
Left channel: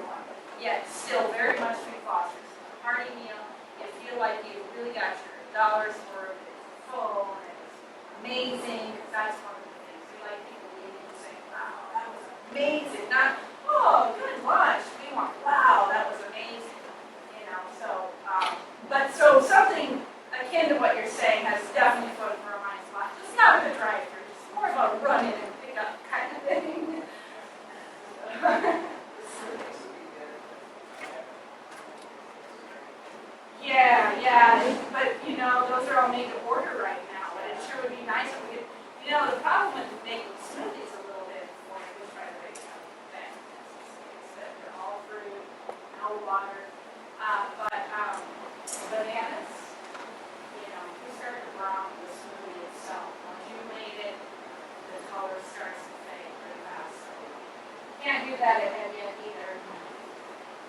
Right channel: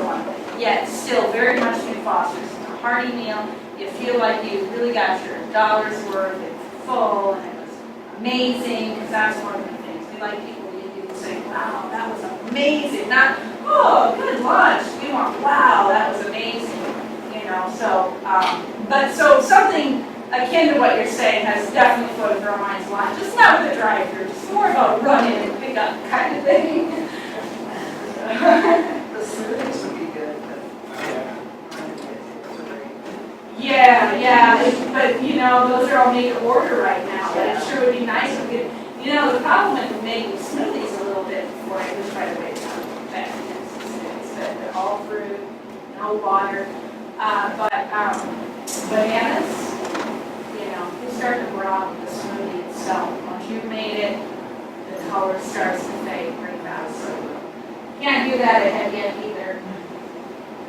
one thing, yet still very much Mcfosters. It's a hearty meal, you feel like you really got your dollar's worth, it's full, and it was amazing, because that's one of the things, we like people to say, wow, that was amazing, not, oh, good lunch. We want, wow, that was amazing. So, so something akin to what you're saying has definitely floated through our minds a lot. Just not with a drive-through, just more about run in and pick up kind of thing. The smoothies would be good, Yeah, but those are all made to order right now. But it sure would be nice if we could. The problem with making smoothies a little bit before I was trying to wait time. They're all fruit, no water. But bananas, you start to brown the smoothie itself. Once you've made it, the color starts to fade pretty fast. So you can't do that ahead yet either.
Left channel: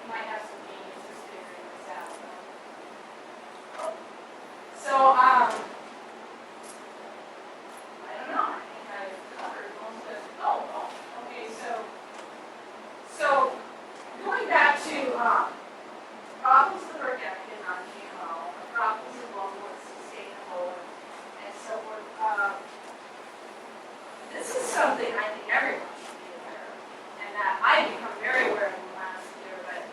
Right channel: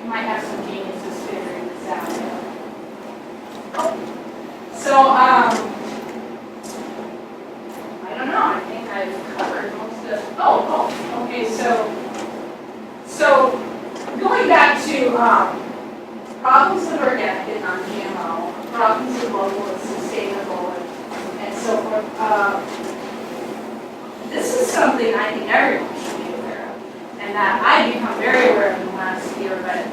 You might have some geniuses figuring this out. So, I don't know. I think I've covered most of. Okay. So going back to problems with organic and non-GMO, problems with local and sustainable, and so forth. This is something I think everyone should be aware of, and that I've become very aware of in the last year, but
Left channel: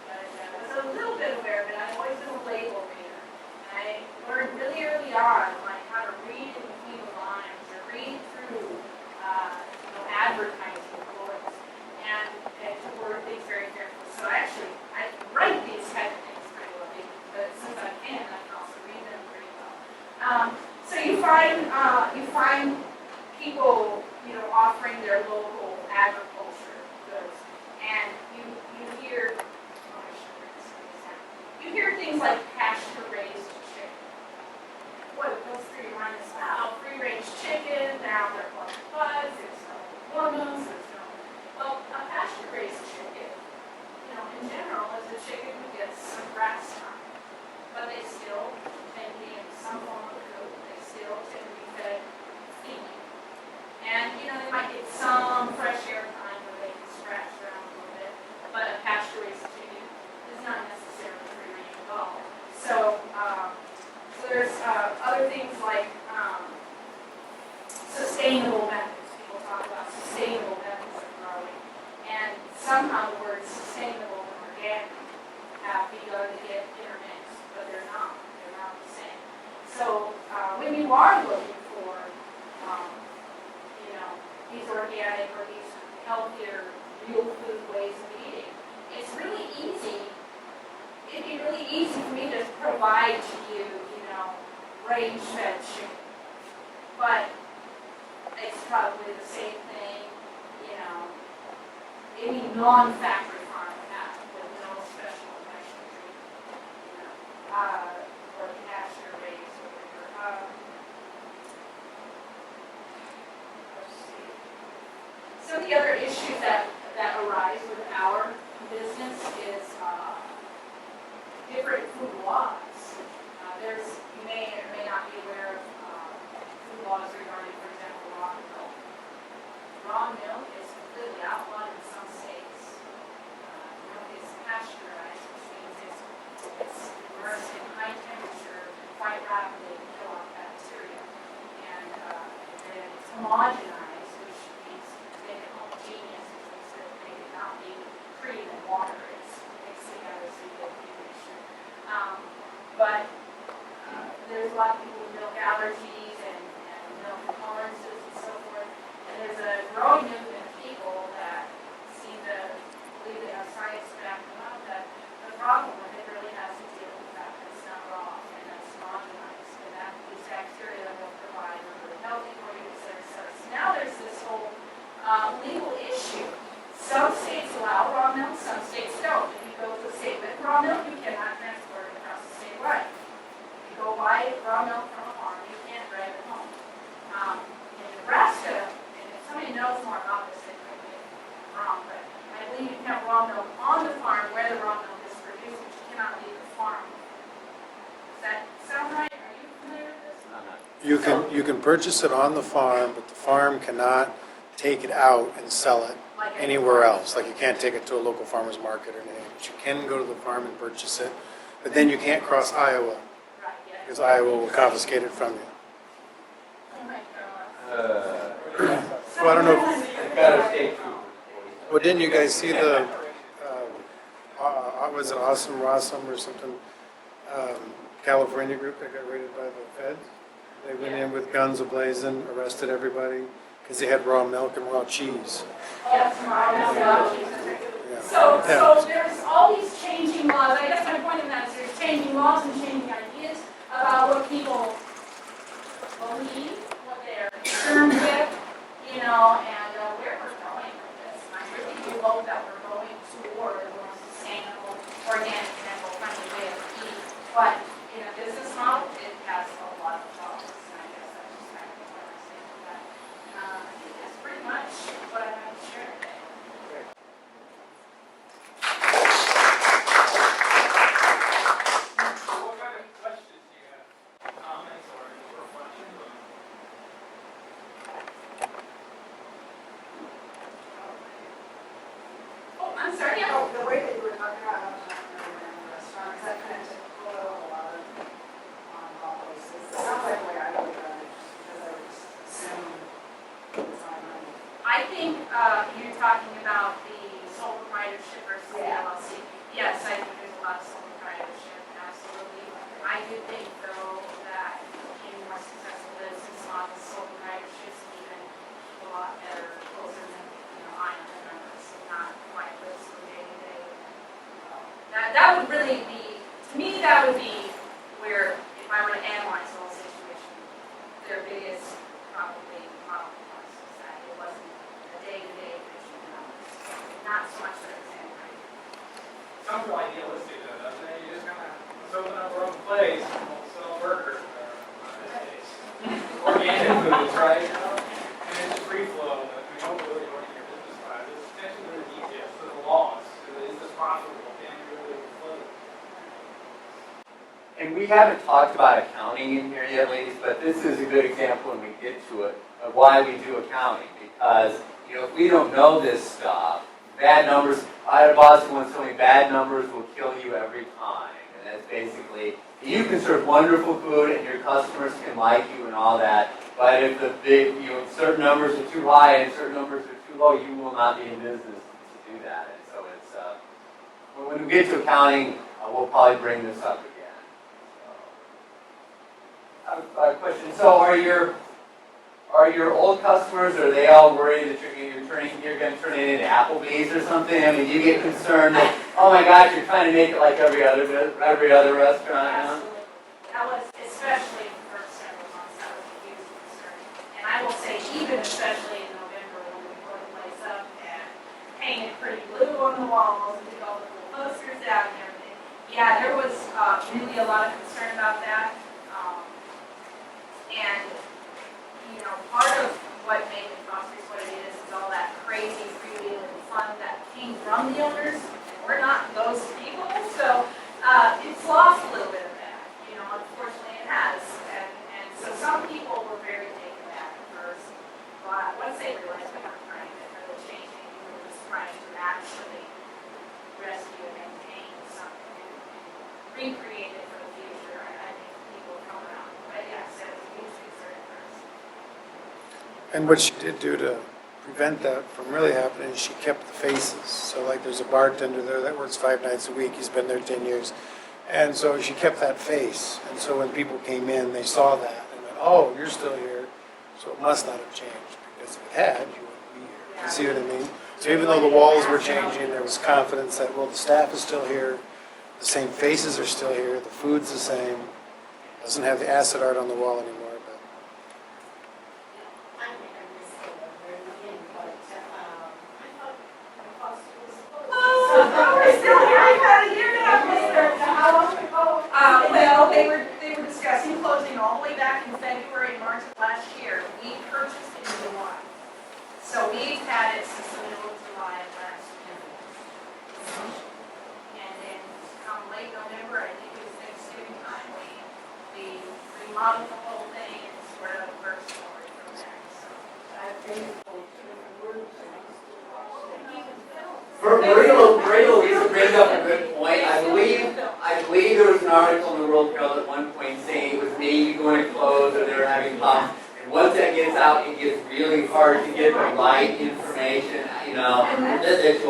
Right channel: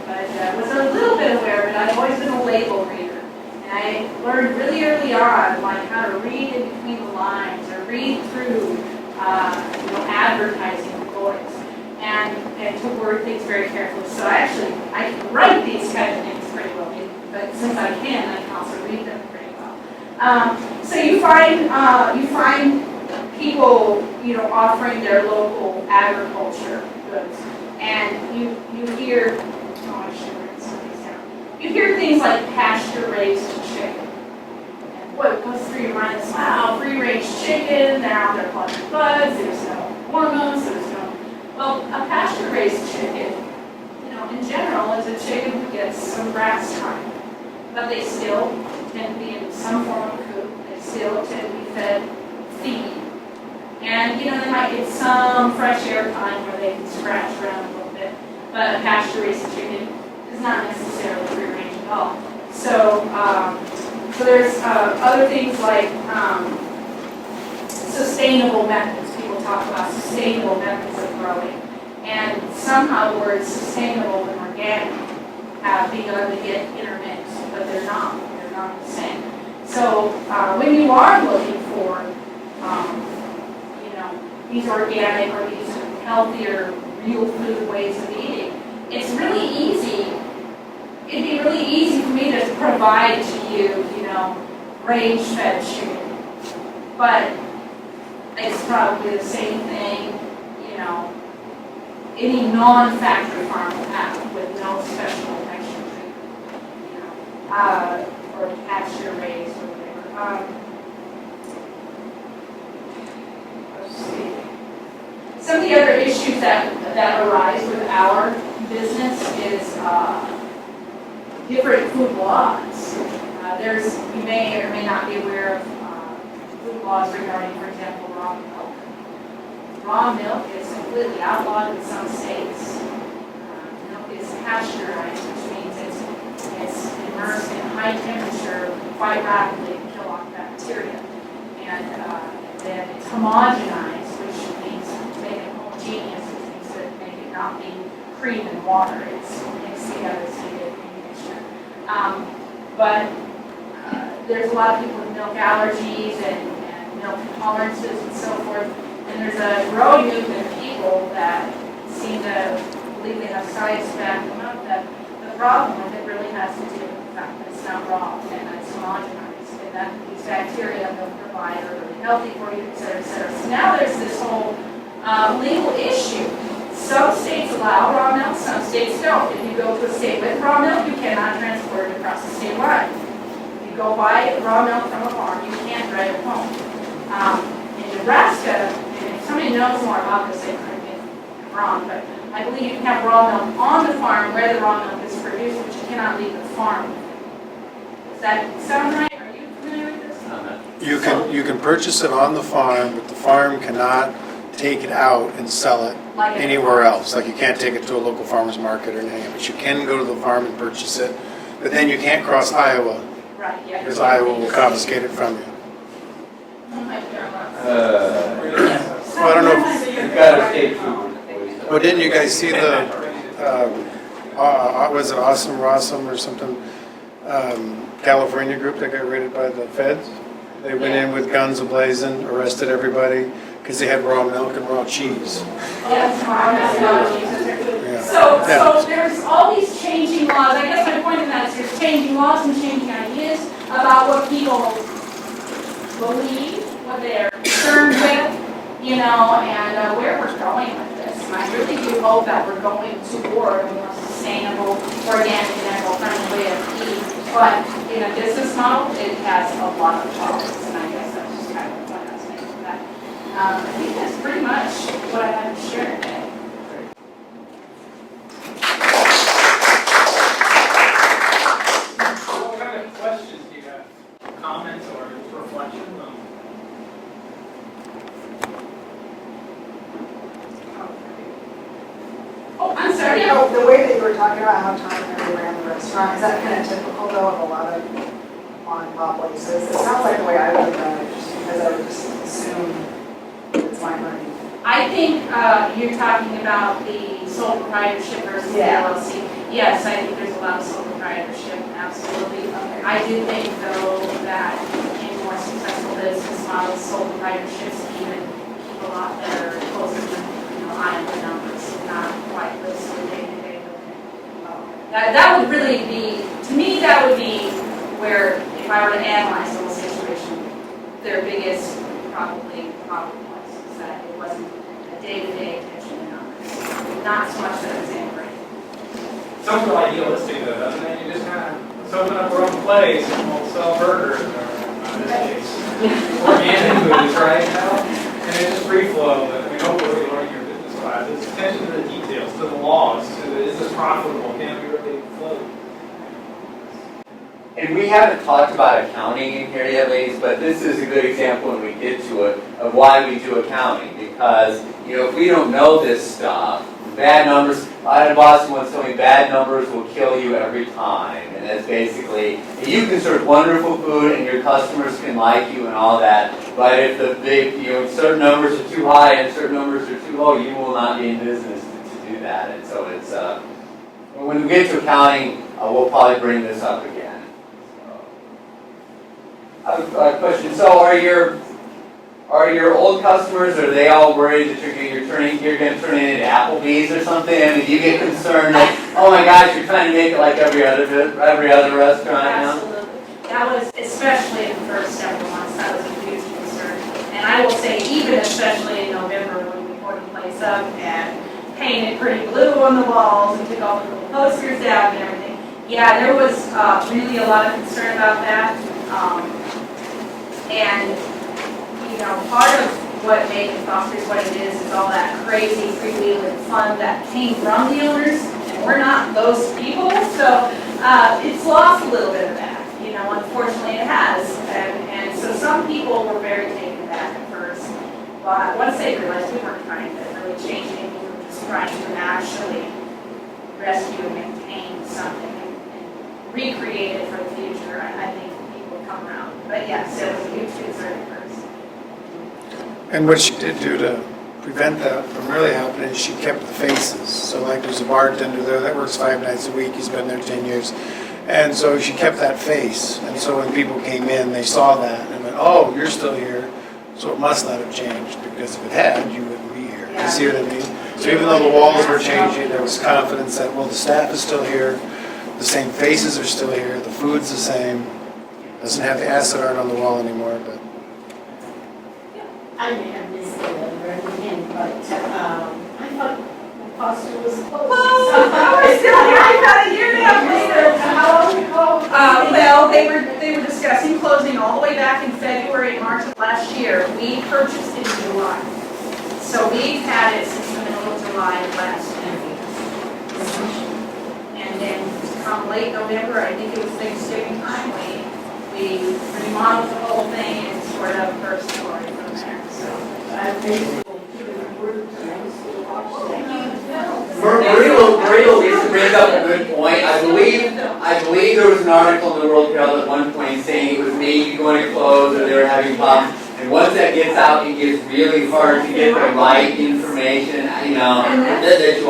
was a little bit aware of it. I've always been a label reader, and I learned really early on, like how to read in between the lines or read through, advertising ploys. And to word things very carefully. So I can write these kind of things pretty well, but since I can also read them pretty well. So you find people, offering their local agriculture goods, and you hear, I should write some of these down. You hear things like pasture-raised chicken. And what goes through your mind is, wow, free-range chicken, they're out there plucking bugs, there's no hormones, well, a pasture-raised chicken, in general, is a chicken who gets some grass time. But they still tend to be in some form of coop. They still tend to be fed feed. And, they might get some fresh air time where they can scratch around a little bit. But a pasture-raised chicken is not necessarily free-range at all. So, there's other things like sustainable methods. People talk about sustainable methods of growing. And somehow the words sustainable and organic have begun to get intermixed, but they're not the same. So when you are looking for, these organic or these healthier, real food ways of eating, it's really easy. It'd be really easy for me to provide to you, range-fed chicken. But it's probably the same thing, any non-factory farm will have with no special extra treatment, or pasture raised or whatever. Let's see. Some of the other issues that arise with our business is different food laws. You may or may not be aware of food laws regarding, for example, raw milk. Raw milk is completely outlawed in some states. Milk is pasteurized, which means it's immersed in high temperature quite rapidly to kill off bacteria. And then it's homogenized, which means to make it homogeneous, which means to make it not be cream and water. It's mixed together so you get a mixture. But there's a lot of people with milk allergies and milk intolerances and so forth. And there's a growing movement of people that seem to believe they have science to back them up, that the problem with it really has to do with the fact that it's not raw and that it's homogenized, and that these bacteria will provide are really healthy for you, et cetera, et cetera. So now there's this whole legal issue. Some states allow raw milk, some states don't. If you go to a state with raw milk, you cannot transport it across the state line. If you go buy raw milk from a farm, you can't drive it home. In Nebraska, and if somebody knows more about this, they correct me if I'm wrong, but I believe you can have raw milk on the farm where the raw milk is produced, but you cannot leave the farm. Does that sound right? Are you familiar with this? You can purchase it on the farm, but the farm cannot take it out and sell it Like in anywhere farm. else. Like you can't take it to a local farmer's market or anything, but you can go to the farm and purchase it. But then you can't cross Iowa, Right, yeah. because Iowa will confiscate it from you. Oh my God. Well, I don't know. You've got to stay true. Well, didn't you guys see the, was it Awesome Rossum or something? California group that got raided by the feds? They went in with guns ablazing, arrested everybody because they had raw milk and raw cheese. Yeah. So there's all these changing laws. I guess my point in that is there's changing laws and changing ideas about what people believe, what they're concerned with, you know, and where we're going with this. And I really do hope that we're going toward a more sustainable, organic, and eco-friendly way of eating. But in a business model, it has a lot of problems, and I guess that's just kind of the point I was making with that. I think that's pretty much what I have to share today. What kind of questions do you have? Comments or just reflections on? Oh, I'm sorry. You know, the way that you were talking about how Tom and Mary ran the restaurant, is that kind of typical though of a lot of mom and pop places? It sounds like the way I would have done it, just because I would just assume it's my money. I think you're talking about the sole proprietorship versus the Yeah. LLC. Yes, I think there's a lot of sole proprietorship, absolutely. I do think though that in more successful business models, sole proprietorships even keep a lot better, closer to, you know, Iowa numbers, not quite listed day to day. That would really be, to me, that would be where, if I were to analyze the whole situation, their biggest probably problem was, is that it wasn't a day-to-day attention to numbers. Not so much that it was integrated. Sounds real idealistic though, doesn't it? You just kind of, let's open up our own place and we'll sell burgers, or in this case, organic foods, right? And it's just free flow, but I mean, hopefully what you learn in your business class is attention to the details, to the laws, to is this profitable, can we really float? And we haven't talked about accounting in here yet, ladies, but this is a good example when we get to it of why we do accounting. Because, you know, if we don't know this stuff, bad numbers, I had a boss who once told me bad numbers will kill you every time. And that's basically, you can serve wonderful food and your customers can like you and all that, but if certain numbers are too high and certain numbers are too low, you will not be in business to do that. And so it's, when we get to accounting, we'll probably bring this up again. I have a question. So are your old customers, are they all worried that you're going to turn it into Applebee's or something? I mean, do you get concerned that, oh my gosh, you're trying to make it like every other restaurant now? Absolutely. That was, especially in the first several months, that was a huge concern. And I will say, even especially in November when we poured the place up and painted pretty blue on the walls and took all the little posters down and everything. Yeah, there was really a lot of concern about that. And you know, part of what made Mcfosters what it is all that crazy freewheeling fun that came from the owners, and we're not those people, so it's lost a little bit of that. You know, unfortunately it has, and so some people were very taken back at first, but once they realized we weren't trying to really change anything, we were just trying to actually rescue and maintain something and recreate it for the future, I think people will come around. But yes, it was a huge concern at first. And what she did do to prevent that from really happening is she kept the faces. So like there's a bartender there that works 5 nights a week, he's been there 10 years. And so she kept that face. And so when people came in, they saw that and went, oh, you're still here. So it must not have changed, because if it had, you wouldn't be here. You see what I mean? So even though the walls were changing, there was confidence that, well, the staff is still here. The same faces are still here, the food's the same. Doesn't have the acid art on the wall anymore, but. I may have missed it at the very beginning, but I thought McFosters was closed. We're still here, about a year and a half later. How long ago? Well, they were discussing closing all the way back in February and March of last year. We purchased in July. So we've had it since the middle of July of last year. And then come late November, I think it was Thanksgiving time, we remodeled the whole thing and sort of first story from there, so. I've basically given a word to them to watch that. Maria Louisa brings up a good point. I believe there was an article in the World Herald at one point saying it was maybe going to close or they were having problems. And once that gets out, it gets really hard to get the right information, that you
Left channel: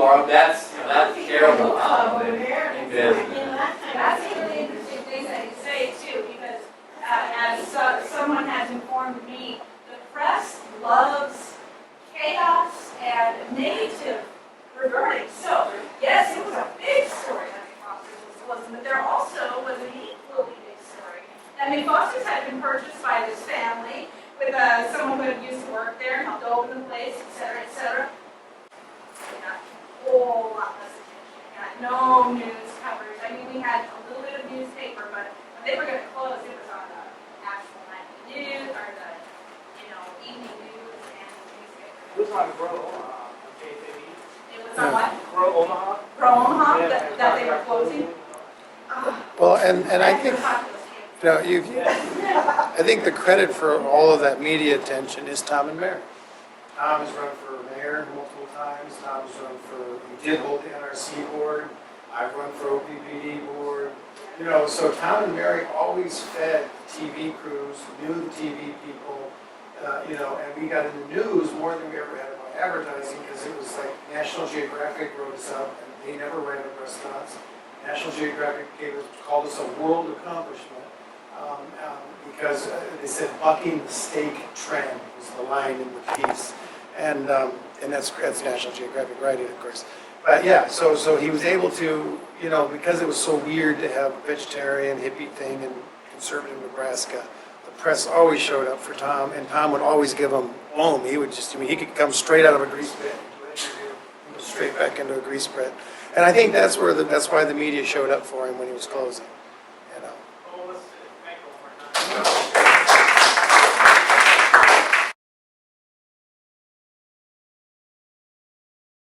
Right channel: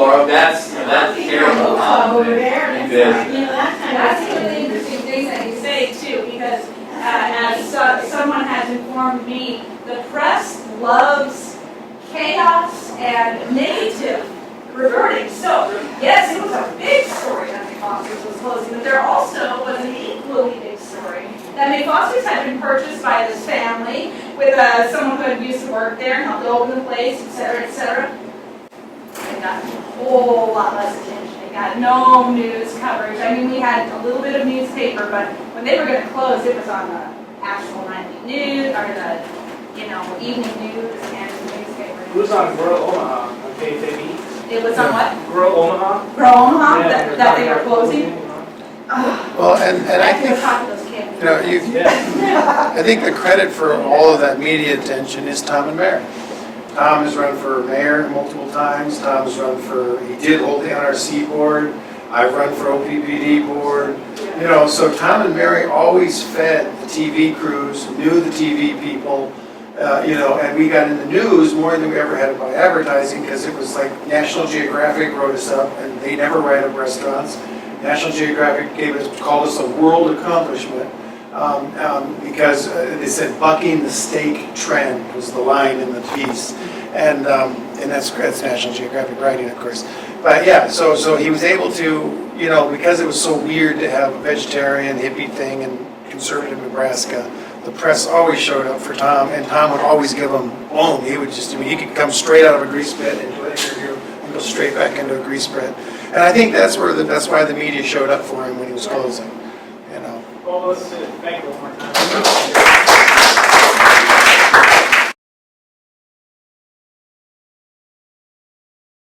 are, that's terrible. Over there, in and business. that kind of That's thing. a really interesting thing that you say too, because as someone has informed me, the press loves chaos and negative reporting. So, yes, it was a big story that McFosters was closing, but there also was an equally big story that McFosters had been purchased by this family with someone who had used to work there and helped open the place, et cetera, et cetera. It got a whole lot less attention. It got no news coverage. I mean, we had a little bit of newspaper, but when they were going to close, it was on the actual nightly news, or the, evening news and the newspaper. It was on Rural Omaha, on KFAB. It was on what? Rural Omaha? Grow Omaha, Yeah, that they were closing? Well, and I have to go talk to those kids. Yeah. I think the credit for all of that media attention is Tom and Mary. Tom has run for mayor multiple times. Tom has run he did hold the NRC board. I've run for OPPD board. So Tom and Mary always fed the TV crews, knew the TV people, and we got in the news more than we ever had by advertising because it was like National Geographic wrote us up and they never write up restaurants. National Geographic called us a world accomplishment because they said bucking the steak trend was the line in the piece, and that's National Geographic writing, of course. But yeah, so he was able to, because it was so weird to have a vegetarian hippie thing in conservative Nebraska, the press always showed up for Tom, and Tom would always give them blown. He could come straight out of a grease pit and do an interview and go straight back into a grease pit. And I think that's why the media showed up for him when he was closing. Well, let's thank you one more time.